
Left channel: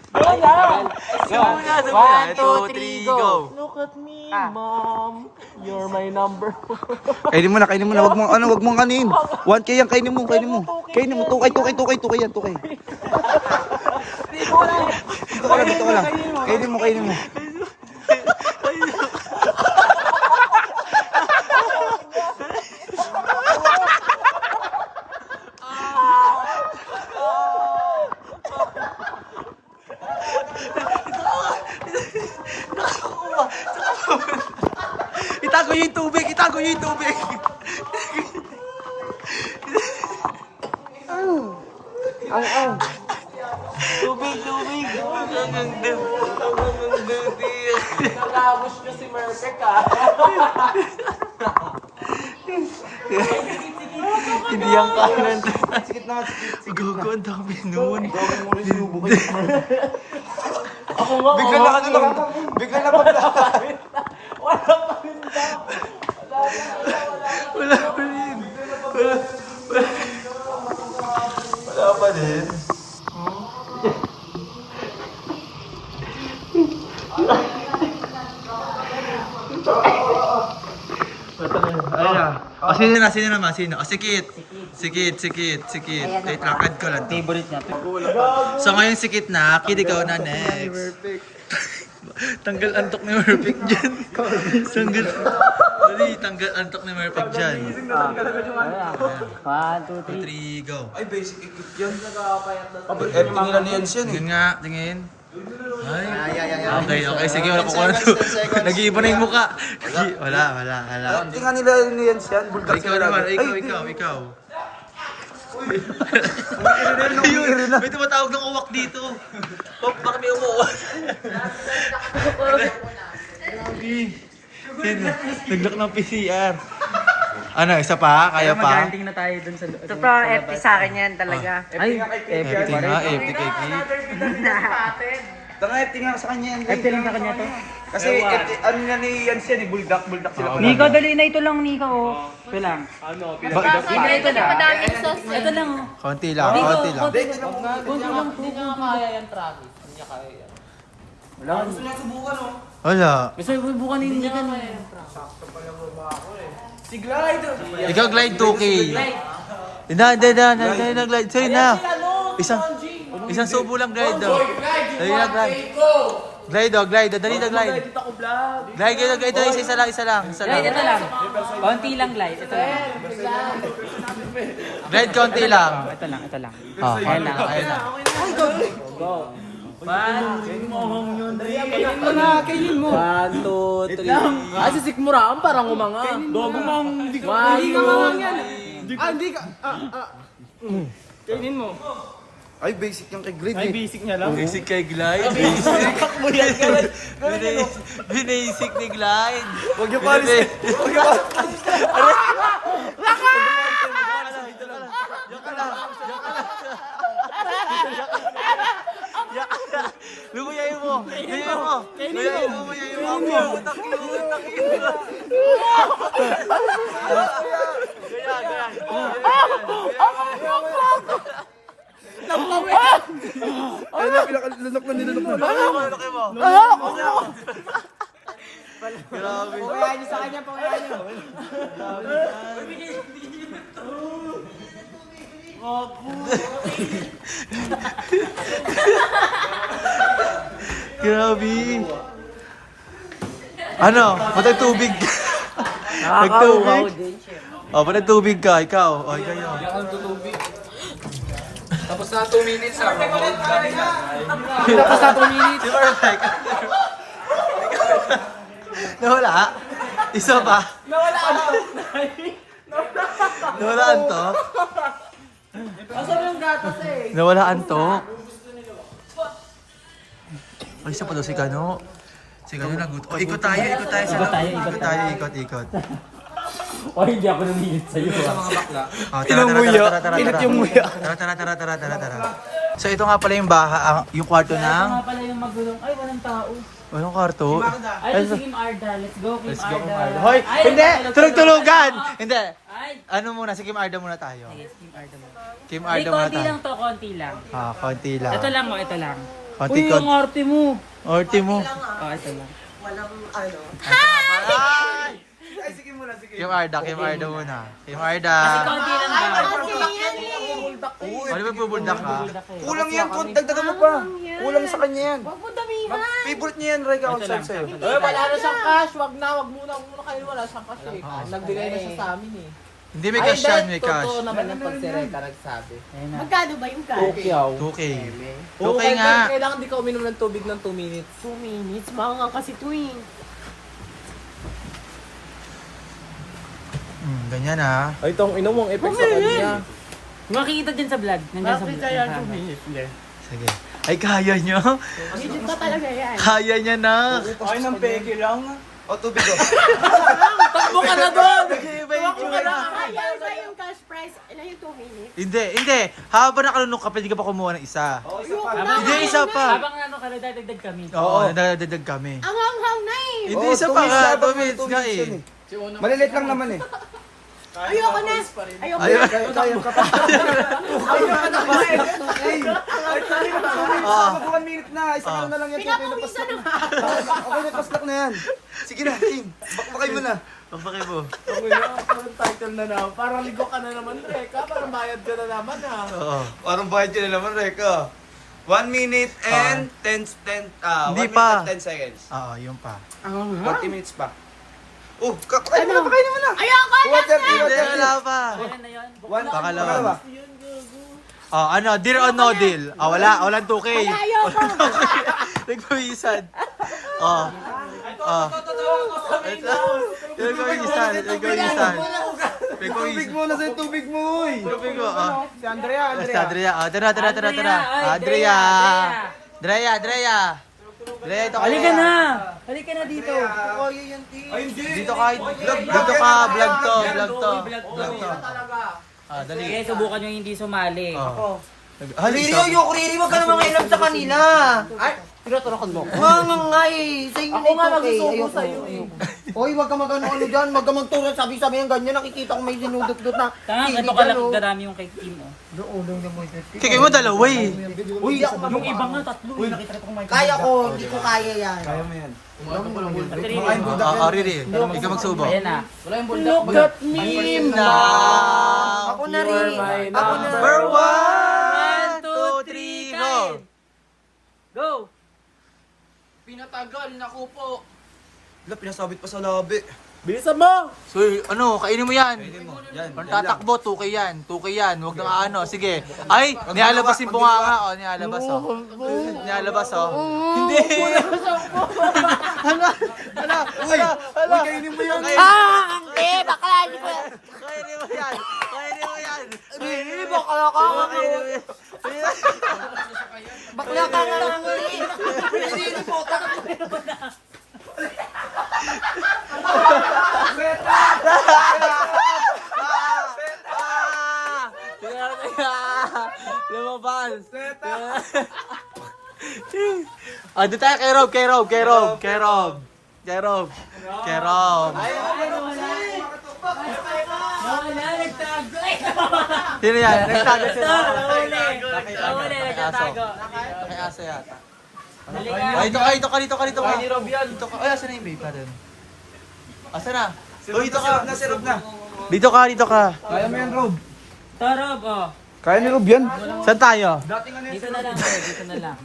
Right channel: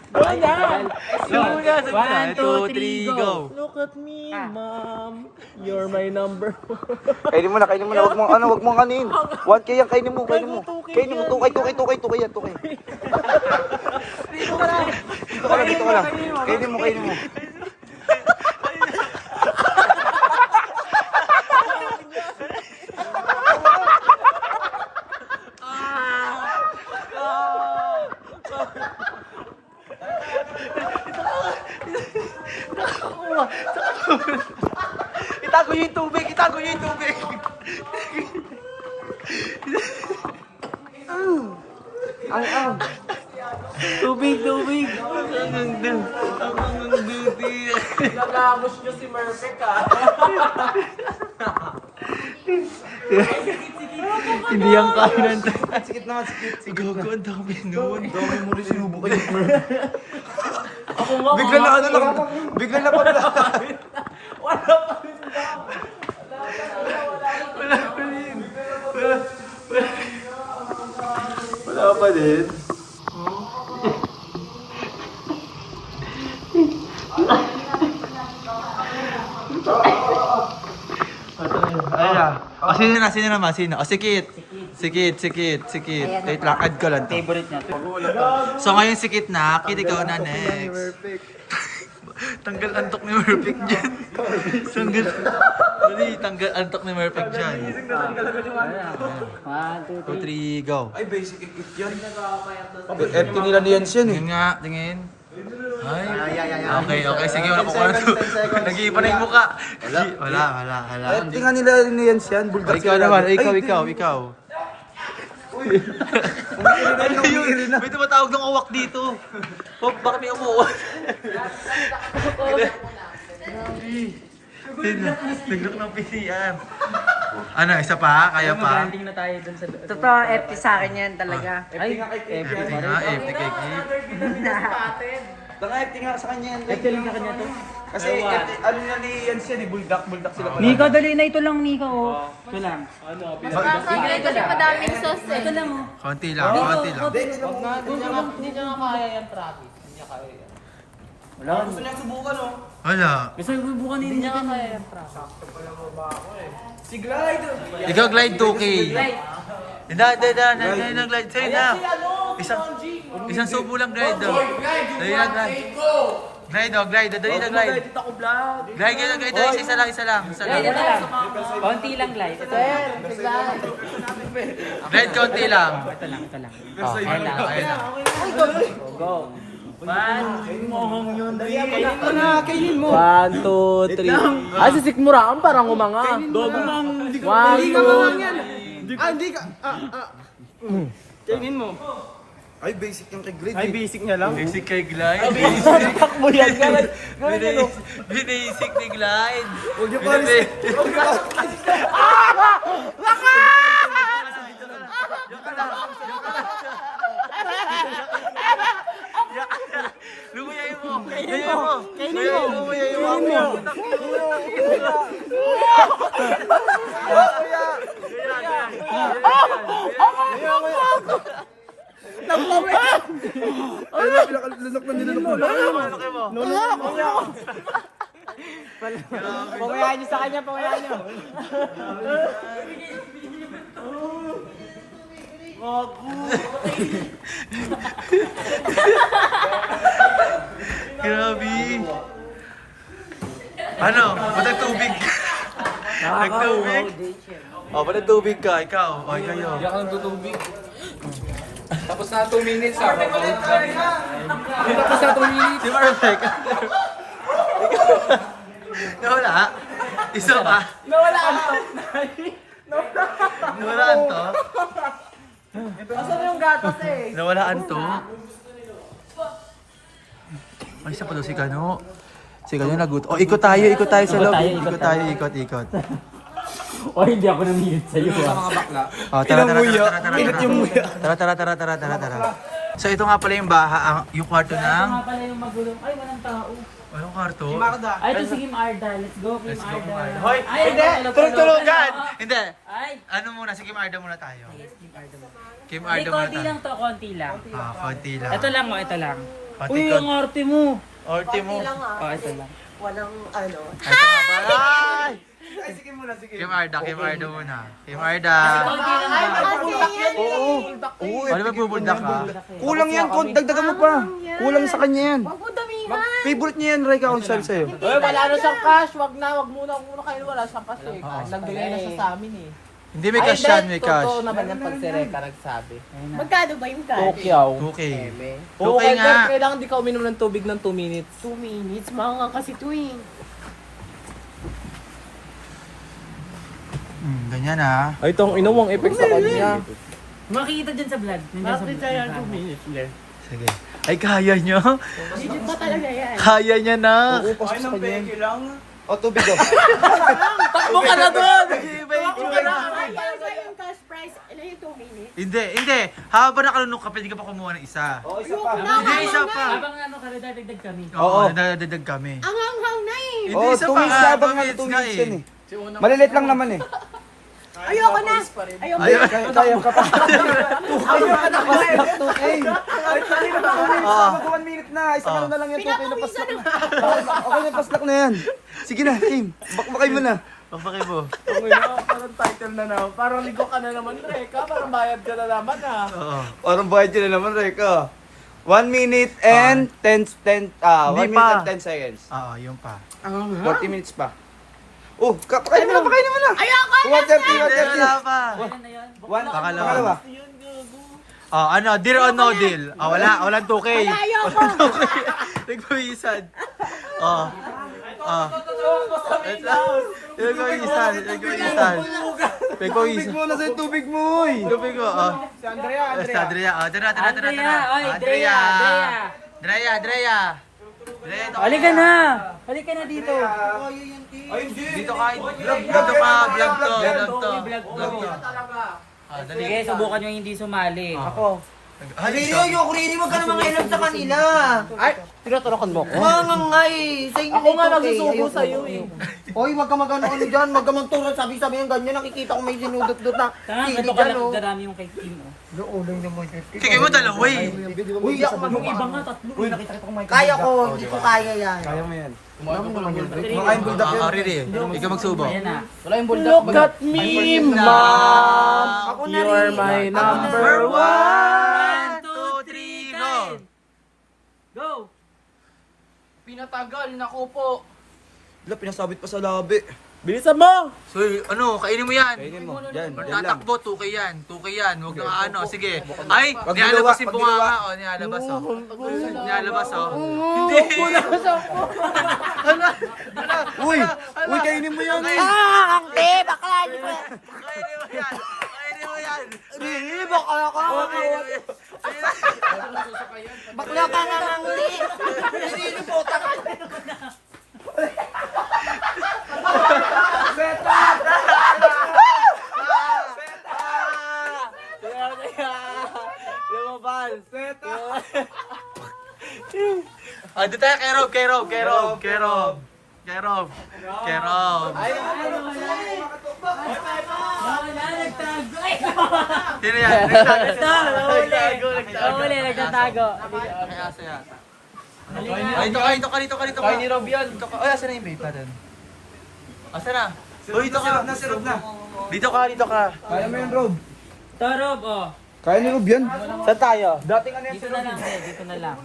Go na. Sabi mo na. 1, 2, 3, go! Look at me, mom. You're my number 1. Kainin mo na. Wag mo kanin. 1K yan, kainin mo. 2K yan. Dito ka lang. Kainin mo. Itago niyo yung tubig. Tubig. Nalamos ko si Merpek ah. Hindi yung comment. Sikit naman. Gogo, ang dami nun. Dami mo rin sinubok kayo. Bigla na ano lang. Bigla na paglahan. Wala pa rin. Wala pa din. Ayun na. Sino naman? Sino? Sikit. Sikit. Wait lang, add ko lang to. Favorite niya. So ngayon sikit na, Kid, ikaw na next. Tanggal antok ni Murphy dyan. Tanggal antok ni Murphy dyan. 1, 2, 3. 2, 3, go. Ay, basic equip yan. Tingin na yan siya. Tingin nga, tingin. Ay, okay, sige, wala ko kung ano. Nag-iiba na yung mukha. Wala. Tingnan nila ni Jens yan. O, ikaw naman, ikaw. May tumatawag ng uwak dito. Oh, bakit may umuuwak? Naglak ng PCR. Ano, isa pa? Kaya pa? Magaranting na tayo dun sa loob. Totoo, FT sa akin yan talaga. Ay, Epic nga, epic. Tingnan sa kanya yan. Ay, feeling ka kanya to. Kasi ano na ni Jens yan, buldak sila pala. Nico, dali na ito lang, Nico. Oh. Ito lang. Kasi madaming sauce eh. Ito lang, oh. Konti lang. Hindi niya nga kaya yan, Travis. Hindi niya kaya yan. Wala. Wala. Basta bubukan ninyo ka na. Si Glide! Ikaw glide 2K. Hindi na glide. Sa'yo na. Isang subo lang glide do. Dali na glide. Glide. Dali na glide. Dito ako vlog. Glide. Isa lang. Ito lang. Konti lang, Glide. Glide konti lang. Ito lang. Konti lang. Ayun na. Go. Kainin mo. 1, 2, 3. Ay, si Sikmura, ang parang umanga. Dogo mang. Hindi ka mangang yan. Hindi ka. Kainin mo. Ay, basic yung kay Grade. Ay, basic niya lang. Basic kay glide. Takbo yan, guys. Basic ni glide. Huwag yung paris. Lumayain mo. Lalok na nilolok na. Grabe. Pagayan niyo sa kanya, pagayan niyo. Grabe. Ano? Patag tubig. Nagtubig. O, patag tubig ka. Ikaw. O, kayo. Tapos na 2 minutes ah. Tapos na 2 minutes. Di ba, Rebecca? Nawala? Isa pa? Nawalaan to. Nawalaan to? Asan yung gatas eh? Nawalaan to? Ay, isa pa daw si Kano. Si Kano nagut. O, ikot tayo sa loob. Ikot. O, hindi ako namilit sa'yo. Oh, tara. So ito nga pala yung yung kwarto Ito ng... nga pala yung magulong. Ay, walang tao. Anong kwarto? Ay, ito si Kim Arda. Let's go, Kim Arda. Hoy, Ay, Hindi! Tulog-tulugan! Hindi! Ay, Ano muna? Si Kim Arda muna tayo. yes, Kim Arda mo. Kim Ay, Arda muna konti tayo. lang to, konti lang. Konti lang. Ito lang, ito lang. Konti Uy, yung arte mo. Orti mo. Ito lang. Hi! Kim Arda muna. Kim Arda. Konti lang ba? O, di ba bubuldak ka? Kulang yan, dagdagan mo pa. Kulang sa kanya yan. Huwag mo damihan. Favorite niya yan, Ray, kakonsel sa'yo. wala na siyang cash. Wag muna kayo. Wala siyang cash eh. Nagdili na siya sa amin eh. Hindi may cash yan, may cash. Totoo naman yung pagsirekta nagsabi. Magkano ba yung cash? Tokyo. 2K. Oo, 2K nga. Kailangan di ka uminom ng tubig ng 2 minutes. 2 minutes. Mga kasi tuwing. Ganyan ah. Ay, itong inuwang effect sa kanya. Makikita dyan sa vlog. Nandiyan sa vlog. minutes le? Sige. Ay, kaya nyo? Legit pa talaga yan. Kaya niya na. Ay, nang peke lang. O, tubig daw. Takbo ka na doon! Nag-iiba yung tsura. Ay, ano ba yung cash price? Ilan yung 2 minutes? Hindi. Habang nakalunok ka, pwede ka pa kumuha ng isa. Ayoko na. Hindi, isa pa. Habang ano ka, dagdag kami. Oo, nadadagdag kami. Ang hanghang na eh. Hindi, Oo, isa 2 pa minutes nga. na, 2 minutes nga yan eh. Malilit lang naman eh. Ayoko na! Ayoko Ayun. Ah. 1 minute na. Isang na lang yan. Pinapawisan na! Okay na, paslak na yan. Sige na, team. Bakbakay mo na. Pagpakay mo. Parang title na naman. Parang ligo ka na naman, Reka. Parang bayad ka na naman, ha. Oo. Parang bayad yun na naman, Reka. 1 minute and 10 Hindi 1 pa. minute and 10 seconds. Oo, yun pa. 40 minutes pa. Oh, kakain na, kakain naman na. Ayoko na! Hindi, wala pa. Kailan na yun? Pakalawa. Oh, ano, deal or no deal? Ah, wala, walang 2K. Ayoko! Nagpawisan. Oh. Oh. Nagpawisan. Tubig mo, nasa yung tubig mo, eh. Tubig mo, oh. Si Andrea. Oh, tara. Andrea. Andrea, ito ka. Halika na! Halika na dito. Dito ka, vlog to. Ah, dali. Sige, subukan nyo hindi sumali. Halika. Kuriri, wag ka naman kailan sa kanila. Ay, tinaturakan mo ako. Mga nga eh, sa inyo na ito kay, ayoko. Hoy, wag ka mag-ano-ano dyan, wag ka magturo, sabi-sabi yung ganyan, nakikita ko may sinudot-dot na Tama, sili ito ka dyan, lang oh. darami yung kay Kim, oh. Doon naman yun. Sige mo dalawa eh. Uy, di ako Yung mababa. iba nga, tatlo. Uy, nakita ko may Kaya ko, hindi ko kaya yan. Kaya mo yan. Dami naman yun. Riri. Ikaw magsubo. Ayan na. Look at me, Now, Ako na rin. Ako na. Number 1, 2, 3, go! Go! Pinatagal, naku po. Wala, pinasabit pa sa labi. Bilisan mo! So, ano, kainin mo yan. Yan. Pag tatakbo, 2K yan. Sige. Ay, nilalabas yung bunganga. O, nilalabas, o. Nilalabas, o. Hindi. Uy, kainin mo yan. Ah! Ang te! Bakla! Hindi ko yan! Kainin mo yan. Eh, bakla ka. Bakla ka nga nga nga. Sinilipotak. Ah, dito tayo kay Rob. Sino yan? Nagtago. Nagtatago. May asa yata. Ay, dito ka. Dito ka. Ay, asa na yung babe natin? Asa na? Uy, dito ka. Dito ka. Kaya mo yan, Rob. Tarob, oh. Kaya ni Rob yan. Saan tayo? Dito na lang, eh. Dito na lang.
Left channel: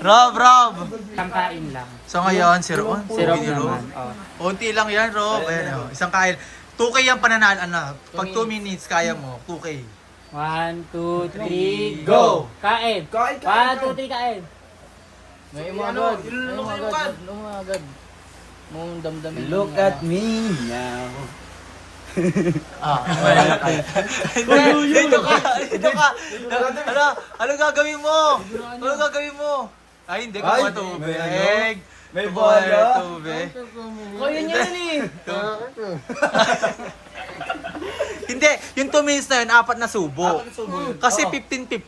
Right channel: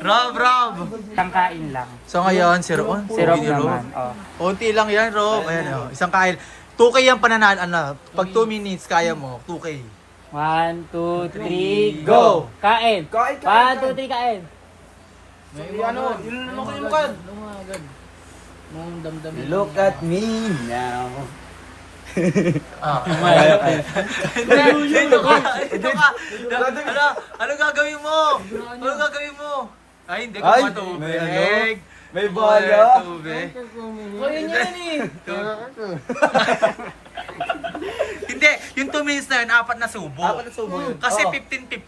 Rob. Tangkain lang. So ngayon, si Rob. Si Rob naman, oh. Unti lang yan, Rob. Ayan, oh. Isang kain. 2K yung pananal, pag 2 minutes, kaya mo. 2K. 1, 2, 3, go! Kain! 1, 2, 3, kain! Look at me now. Dito ka. Ano gagawin mo? Ay, hindi ko Ay, matubig. May bala. Tubig. Kaya niya yun eh. Hindi, yung 2 minutes na yun, 4 na subo. Kasi 15 eh.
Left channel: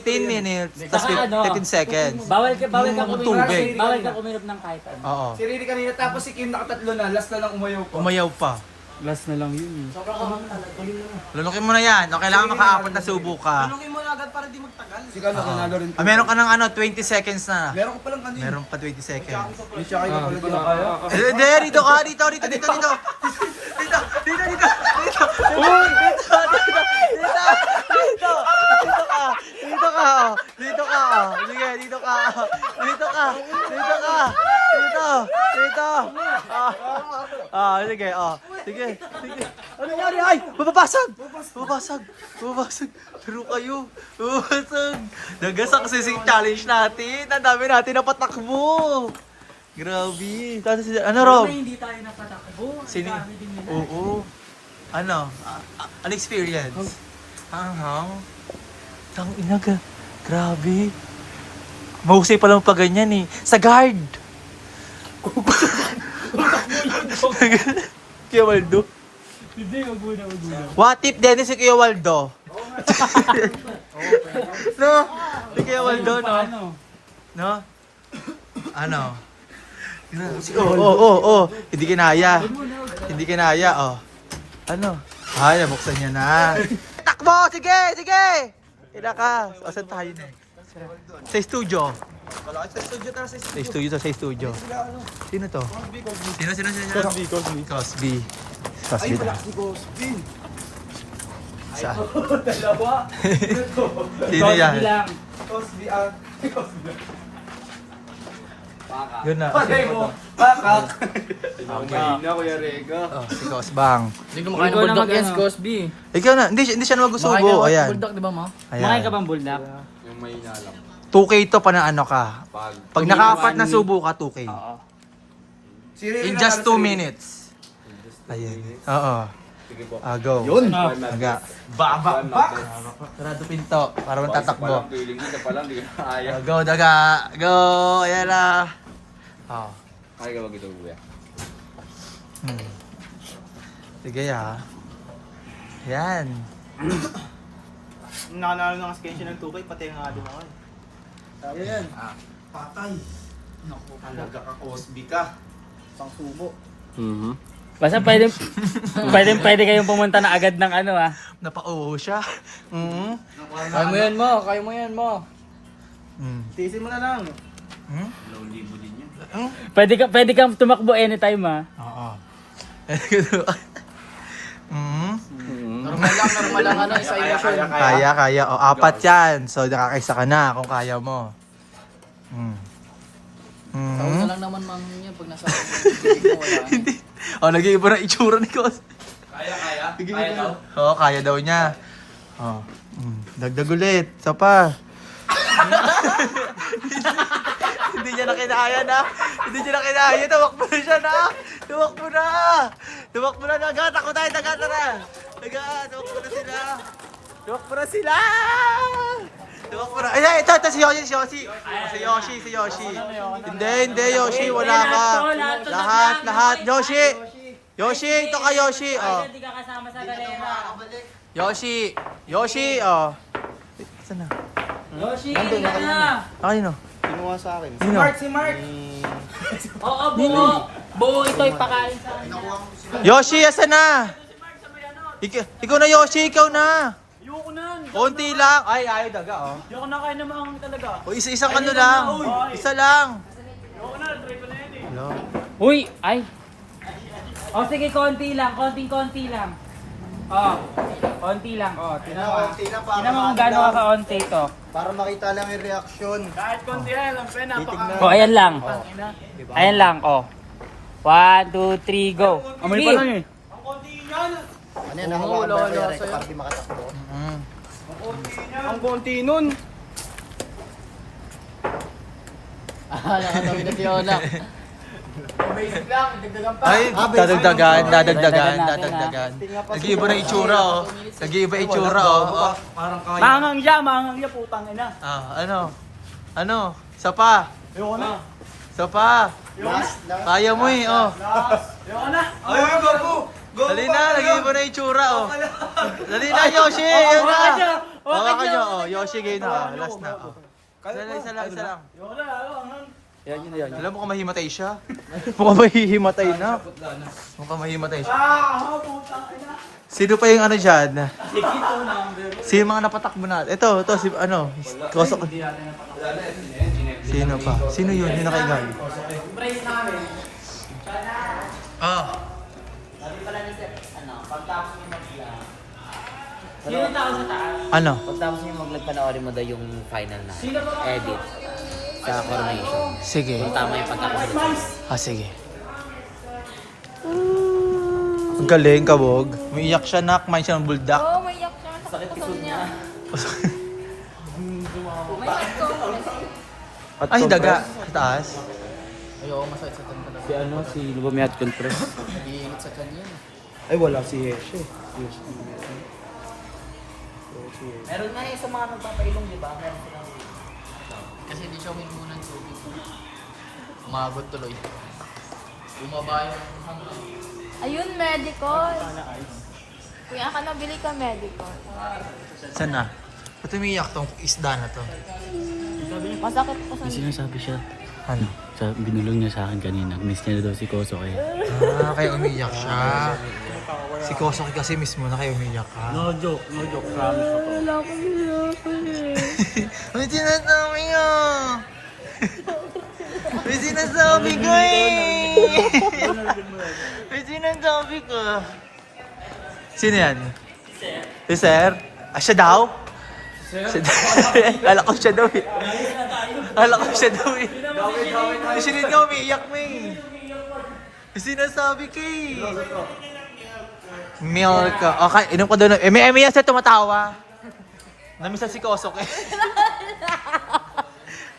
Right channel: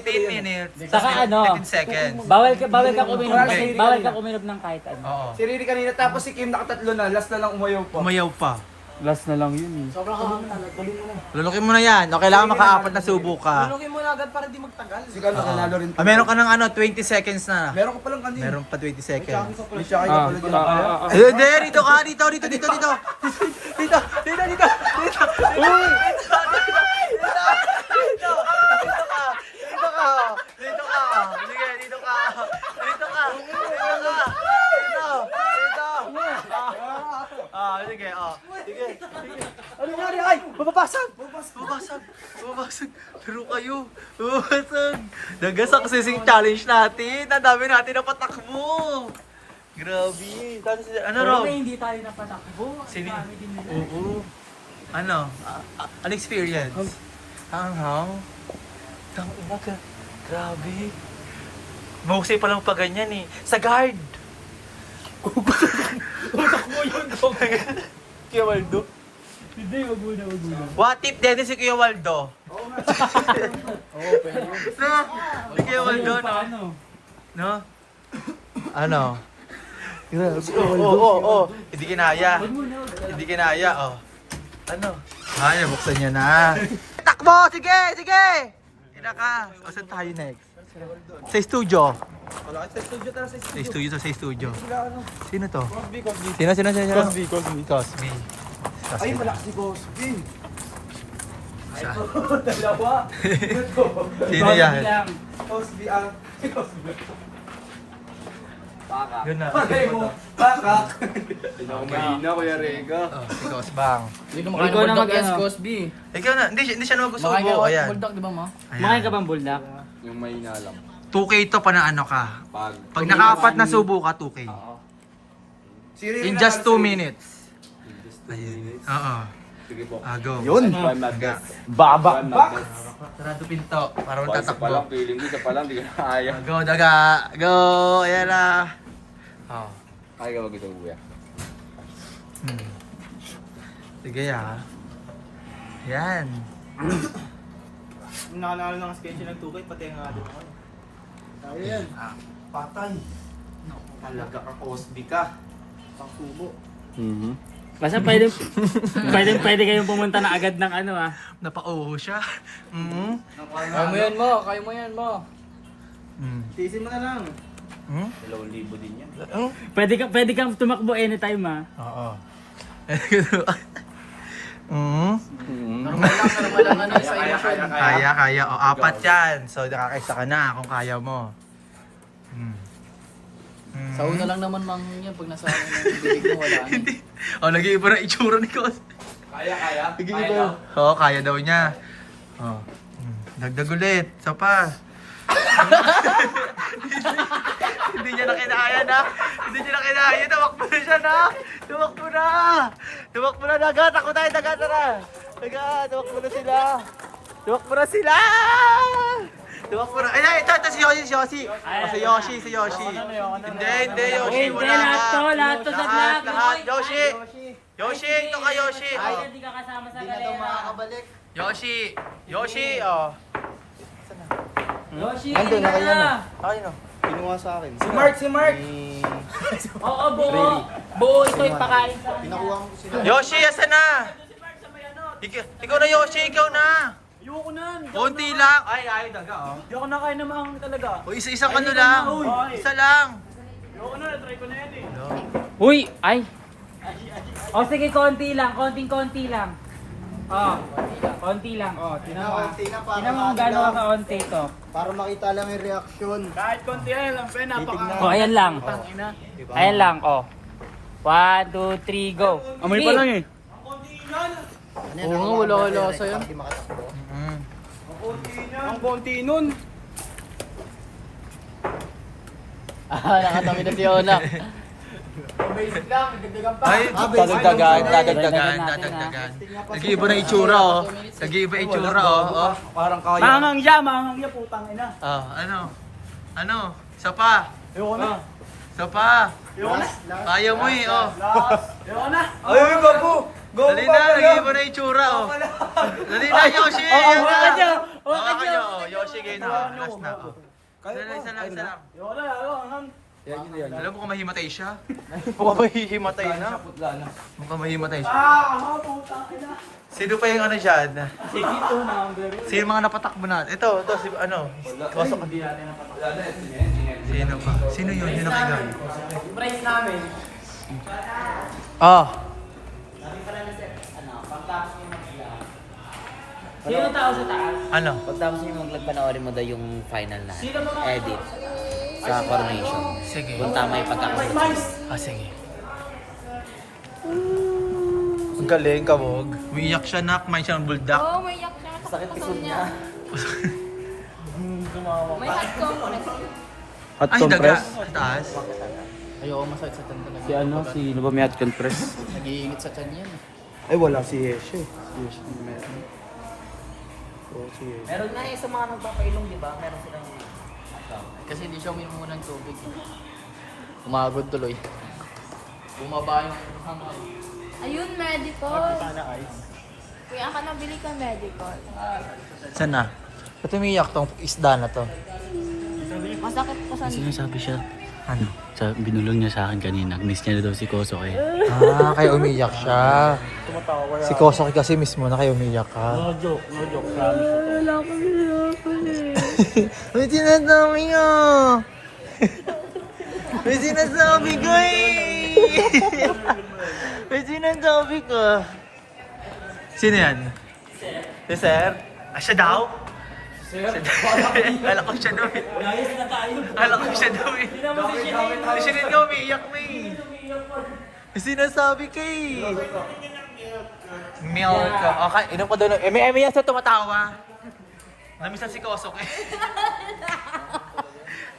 15 minutes. Tapos Saka ano? 15 seconds. Bawal ka uminom. Tubig. Bawal ka uminom ng kahit ano. Oo. Si Riri kanina, tapos si Kim nakatatlo na. Last na lang umayaw pa. Umayaw pa. Last na lang yun. Lulukin mo na yan. O, kailangan maka-4 na subo ka. Si Carlo, kinalo rin. Meron ka ng 20 seconds na. Meron ko palang kanina. Meron pa 20 seconds. May siya kayo pala dyan. Hindi, dito ka. Dito. Uy! Dito ka. Sige. Ano nangyari? Ay! Mababasag! Pero kayo. Mababasag. Nag-successing challenge natin. Ang dami natin napatakbo. Grabe. Ano, Rob? Hindi tayo napatakbo. Sino? Oo. Ano? An experience? Hanghang? Tangina ka. Grabe. Mahusay pa lang pa ganyan eh. Sa guard. Kuya Waldo. Hindi, wag muna. What if Dennis si Kuya Waldo? No? Si Kuya Waldo, no? Paano? No? Ano? Oo. Hindi kinaya. Hindi kinaya, oh. Ano? Ay, nabuksan niya na. Takbo! Sige! Ina ka. O, saan tayo next? Sa studio. Sa studio. Sino to? Sino? Cosby. Ay, wala si Cosby. Saan? Dalawa. Sino yan? Cosby Yun na. Patay mo. Bakak. Mahina, Kuya Rega. Oh, si Cosbang. Ikaw na mag-ano. Cosby. Ikaw na. Hindi siya nagusubo. Ayan. Bulldog, di ba mo? Makain ka bang buldak? Yung mahina lang. 2K to pa na ano ka. Pag nakaapat na subo ka, 2K. Oo. In just 2 minutes. Ayun. Oo. Go. Yun. Nga. Babakbak. Sarado pinto. Para mong tatakbo. Feeling mo, siya pa lang, di ka kaya. Go, daga. Go. Ayan na. Oh. Kaya ka ba ito, kuya? Sige ya. Yan. Nakanalo ng sketch ng 2K, pati nga din ako. Ayan. Patay. Alaga ka, Cosby ka. Isang subo. Basta pwede kayong pumunta na agad ng ano ah. Napauho siya. Kaya mo yan mo. Tiisin mo na lang. Pwede kang tumakbo anytime ah. Oo. Kaya. O, 4 yan. So, nakakaisa ka na kung kaya mo. Sa una lang naman niya pag nasa bibig mo, wala na. O, nag-iiba na itsura ni Cos. Kaya? Nag-iiba. Oo, kaya daw niya. O. Dagdag ulit. Isa pa. Hindi niya na kinaya na. Hindi niya na kinaya. Tumakbo na siya na. Tumakbo na. Daga. Takbo tayo. Daga. Tara. Daga. Tumakbo na sila. Ay, ito. Si Yoshi. Si Yoshi. Hindi, Yoshi. Wala ka. Lahat. Yoshi, ito ka, Yoshi. Oh. Hindi ka kasama sa galera. Yoshi, oh. Yoshi, Nandun, ka nakayan na. Ay, no. Kinuha sa akin. Si Mark. Oo, buo ito ipakain sa kanya. Nakuha mo sila. Yoshi, asan na? Ikaw na, Yoshi. Ikaw na. Ayoko na. Konti lang. Ay, ayaw daga, oh. Ayoko na kayo namang talaga. O, isa-isang ano lang. Isa lang. Ayoko na, try ko na yan eh. Uy, ay. O sige, konti lang. Konting-konti lang. Konti lang. Tingnan mo. Tingnan mo kung gaano ka kaunti ito. Para makita lang yung reaction. Kahit konti yan lang, pre, napaka... Ayan lang. Ayan lang, 1, 2, 3, go. Amoy pa lang eh. Ano yan, nakawakan ba yung reaction? Para di makatakbo. Ang konti nun. Nakatawid na siya na. Ay, dadagdagan. Nag-iiba na itsura, oh. Oh. Mahangang siya, putang ina. Ano? Isa pa. Ayoko na. Kaya mo eh, oh. Ayoko na. Ayoko na. Dali na, nag-iiba na itsura, oh. Dali na, Yoshi. Yun na. Hawakan nyo. Oh, Yoshi, game na. Last na, oh. Isa lang. Ayoko na, ayoko. Alam mo kung mahimatay siya? Mukhang mahihimatay na. Mukhang mahimatay siya. Putang ina. Sino pa yung ano dyan? Sikito number. Sino yung mga napatakbo natin? Ito, si ano? Sino pa? Sino yun? Yung nakaigang? Price namin. Ah. Pagtapos niyo mag-vlog. Sino tao sa taas? Ano? Pagtapos niyo mag-vlog, panoorin mo daw yung final na edit sa coronation. Sige. Kung tama yung pagkakasunod. Sige. Ang galing, kabog. Umiiyak siya, nak. May siyang buldak. Oo, may yak siya. Sakit puso niya. May heart compress. Ay, daga. Sa taas. Si Lubamiat Compress. Ay, wala si Yeshe. Meron na sa mga nagpapailong, di ba? Meron silang... Kasi hindi siya uminom muna ng tubig. Umagod tuloy. Bumaba yung hanggang. Ayun, medical. Kuya ka na, bili ka medical. Saan na? Ba't umiiyak tong isda na to? Masakit po sa... Sinasabi siya. Ano? Binulong niya sa akin kanina. Miss niya na daw si Koso eh. Ah, kaya umiyak siya. Si Kosoki kasi mismo na kayo umiyak ka. No joke. Wala ko May sinasabi ka! May sinasabi ka May sinasabi ka. Sino yan? Si Sir? Ah, siya daw? Alam ko siya daw eh. Alam ko siya daw eh. Siya din daw, umiiyak na eh. May sinasabi ka eh. Meow ka. Okay, inom ko doon. May yan siya tumatawa. Namisan si Kosok eh.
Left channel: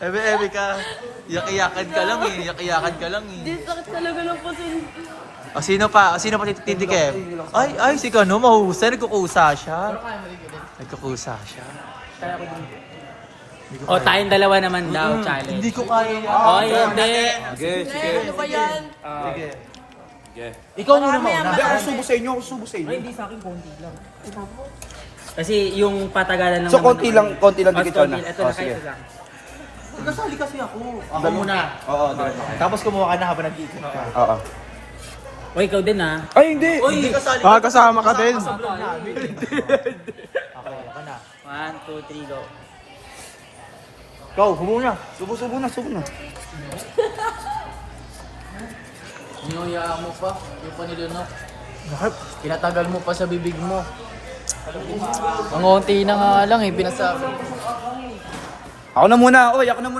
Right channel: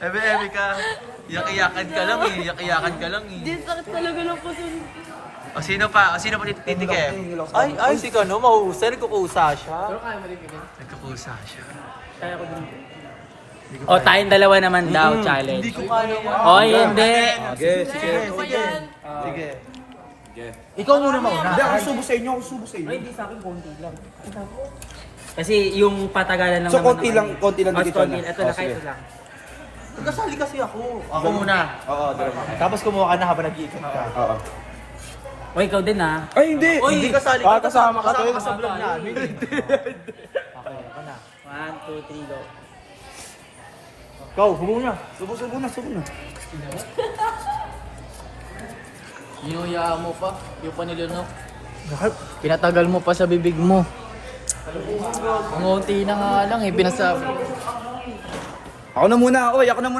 Ebe ka. Iyak-iyakan ka lang eh. Iyak-iyakan ka lang eh. Di sakit talaga ng pusin. O sino pa? O sino pa tititik eh? Ay, si Kano, mahuhusay. Nagkukusa siya. Nagkukusa siya. O, tayong dalawa naman daw, challenge. Hindi ko kaya yun. O, hindi. Sige. Sige. Ikaw muna mauna. Hindi, ako subo sa inyo, Hindi sa akin, konti lang. Kasi yung patagalan lang So, naman. konti lang Mas dito konti. na. Ito Oh, na, kahit sige. ito lang. Kasali kasi ako. Ako muna. Tapos kumuha ka na habang nag-iikot ka. Oo. O, ikaw din ha. Ay, hindi! Hindi kasali. Kasama ka din. Okay, ako na. 1, 2, 3, go. Go, hubo na. Subo na. Niyuyaan mo pa. Yung panilo mo. Nakap. Pinatagal mo pa sa bibig mo. Ang unti na nga lang eh, binasabi. Ako na muna,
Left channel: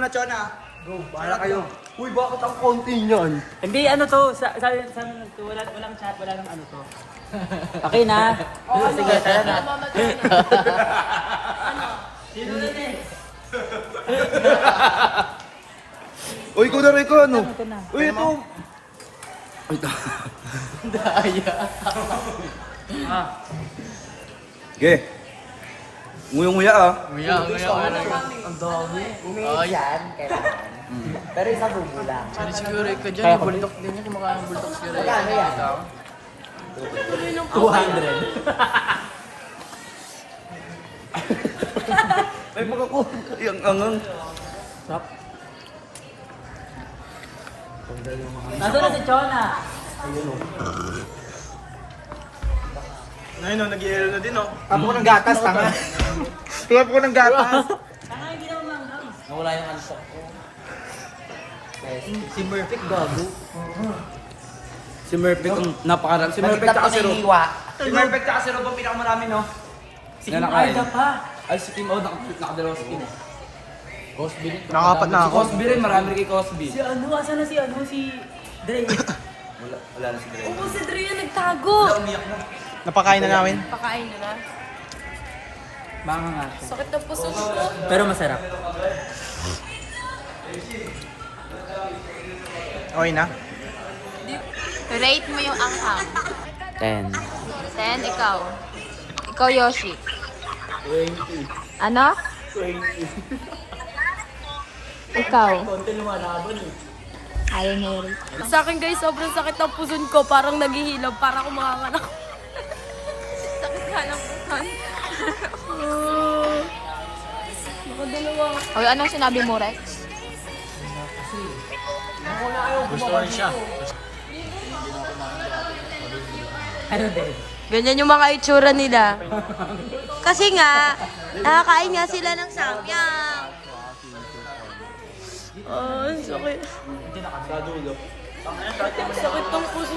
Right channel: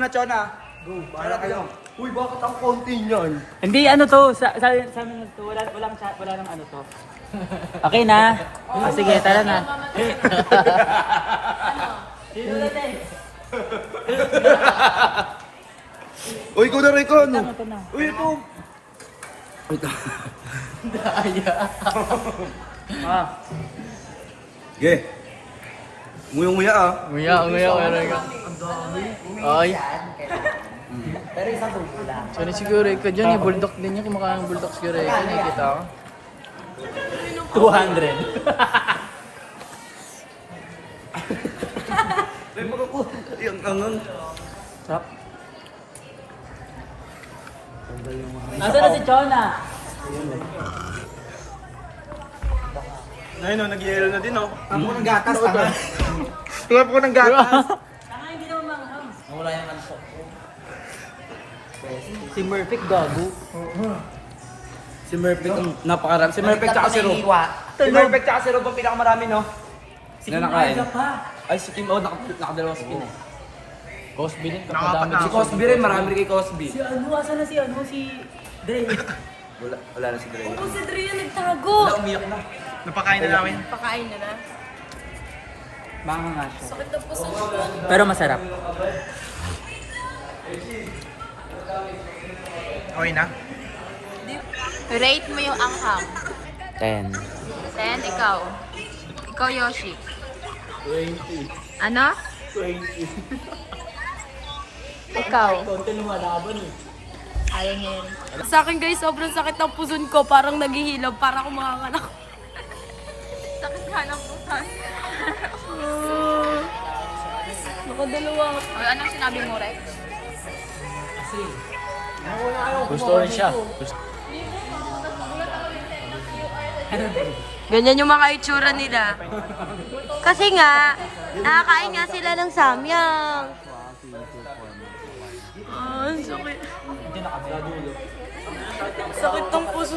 Chona. Go, bahala kayo. Uy, bakit ang konti niyan? Hindi, ano to, walang chat, wala nang ano to. Okay na. Sige, tara na. Sino natin? Uy, ikaw na rin ko, ano? Ito na. Uy, ito. Daya. Ge. Nguyong-nguya ah. Nguya. Ang dami. Ay. Pero isa bulbul lang. Sorry siguro ka dyan, yung bulldog din yan. Kumakain ng bulldog siguro. Kano yan? 200. Ay, ang Asa na si Chona? Ayun, nag-ielo na din, oh. Tapo ko ng gatas, tanga. Tapo ko ng gatas. Tanga, hindi naman manghang. Nawala yung kanso. Si Murphy gago. Si Murphy kung napakarami. Si Murphy Nagtap tsaka si Ro. hiwa. Si Murphy tsaka si Ro ang pinakamarami, no? Si Na nakain. Kim pa. Ay, si Kim, nakadalawa si Kim eh. Cosby din. Nakapat na Si ako. Cosby rin, marami rin kay Cosby. Si ano, asa na si ano, si Dre. Wala na si Dre. Si Adrian nagtago. Umiyak na. Napakain na namin. Pakain na na. Baka nga siya. Sakit na puso ko. Pero masarap. Okay na? Rate mo yung anghang. 10. 10, ikaw. Ikaw, Yoshi. 20. Ano? 20. Ikaw. Aling Harry. Sa akin guys, sobrang sakit ng puson ko. Parang naghihilab. Parang akong makanganak. Sakit nga ng puson. Nakadalawa. O, anong sinabi mo, Rex? Gusto rin siya. Ano din? Ganyan yung mga itsura nila. Kasi nga, nakakain nga sila ng samyang. Ay, sakit. Sakit ng puso.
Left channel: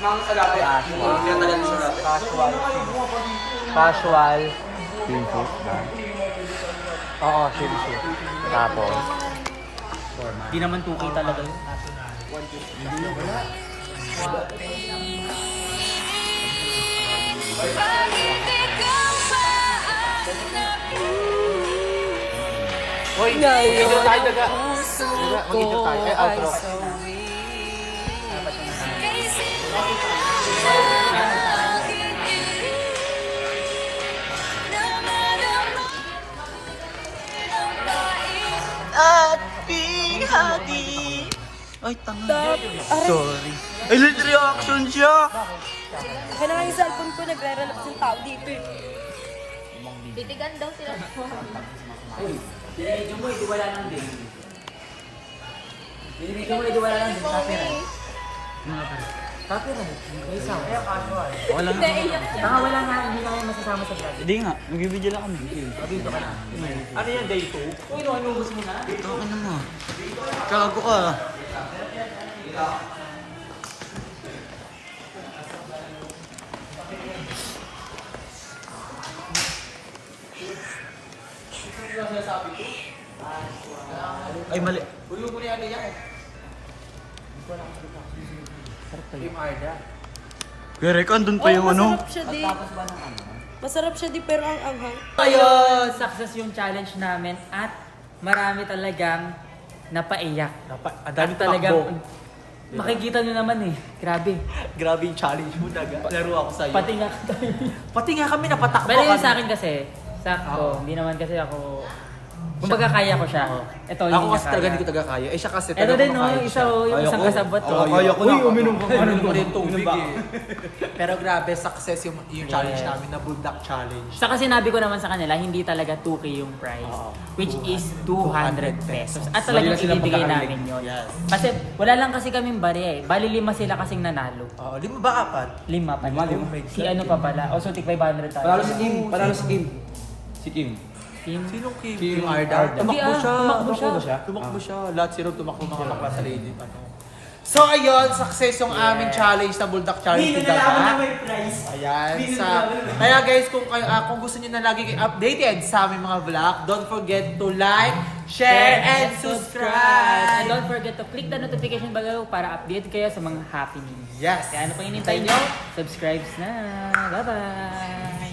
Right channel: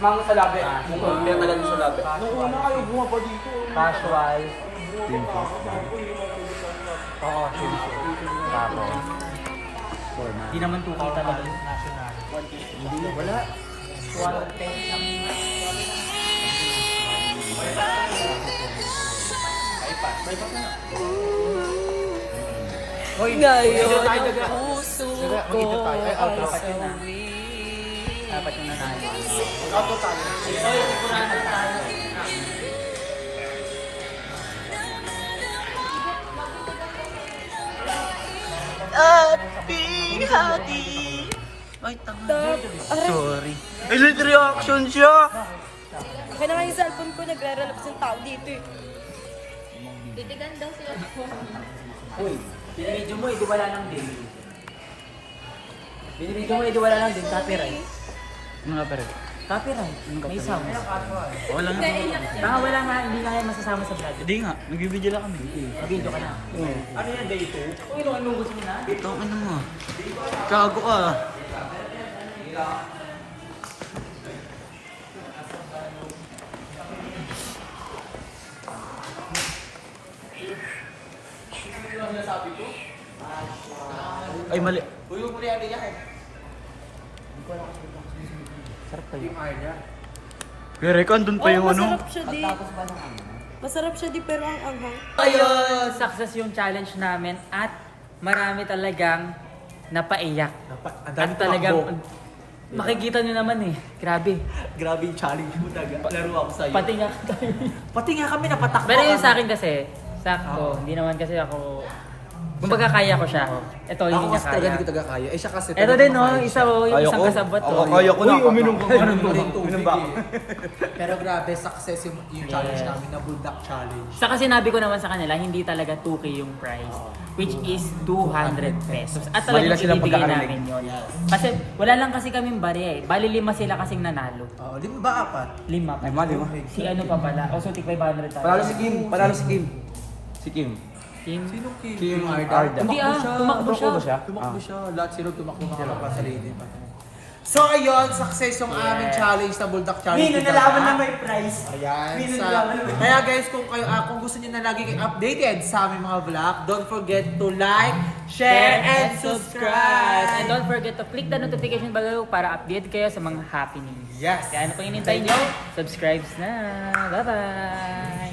Mga salapi ah. Kaya talaga sa salapi. Casual. Di naman tuki talaga. Ngayon ang puso ko ay sawi. At bihati. Ay, tanga. Sorry. Ay, late reaction siya. Akin na nga yung cellphone ko, nagre-relax yung tao dito eh. Titigan daw sila. Binibidyo mo, ito wala lang din. Binibidyo mo, ito wala lang din. Copyright. Mga pare. Copyright. Isa. Kaya casual. Wala nga. Baka wala nga, hindi kaya masasama sa vlog. Hindi nga, nagbibideo lang kami. Mag-video ka na. Ano yan, day 2? Uy, anong gusto mo na? Tangin na mo. Gago ka. Ay, mali. Uy, mo na yan. Team Arda. Gere ka, andun pa yung ano. Masarap siya di. Masarap siya di pero ang anghang. Ayun, success yung challenge namin at marami talagang napaiyak. Ang At dami talagang, tumakbo. makikita nyo naman eh. Grabe. Grabe yung challenge mo, taga. Laro ako sa'yo. Pati nga Pati nga kami napatakbo. Pero yun kami. sa akin kasi, sakto. Hindi naman kasi ako... Kumbaga kaya ko siya. Ito, hindi Ako niya kasi talaga kaya. hindi ko taga kaya. Eh siya kasi Ito talaga din, no? makakaya Isa, siya. yung isang kasabot. Ako, kaya ko na. Uy, uminom ka. Ano tubig eh. Pero grabe, success yung challenge namin na Buldak Challenge. Saka sinabi ko naman sa kanila, hindi talaga 2K yung price. Which is 200 pesos. At talagang Mali lang silang ibibigay pagkakarinig. namin yun. Yes. Kasi wala lang kasi kaming barya eh. Bali 5 sila kasing nanalo. 5 ba 4? 5 pa. Si ano pa pala. O so, tig 500 tayo. Panalo si Kim. Panalo si Kim. Si Kim. Team. Sinong Kim? Team Arda. Hindi tumakbo siya. Tumakbo siya. Lahat sila tumakbo mga kapwa sa lady. So ayun, success yung aming challenge na Buldak Challenge. Hindi, nalaman na may prize. Ayan. Kaya guys, kung gusto niyo na lagi kayo updated sa aming mga vlog, don't forget to like, share, and subscribe. And don't forget to click the notification bell para update kayo sa mga happenings. Yes. Kaya ano pang inintay nyo? Subscribe na. Bye-bye!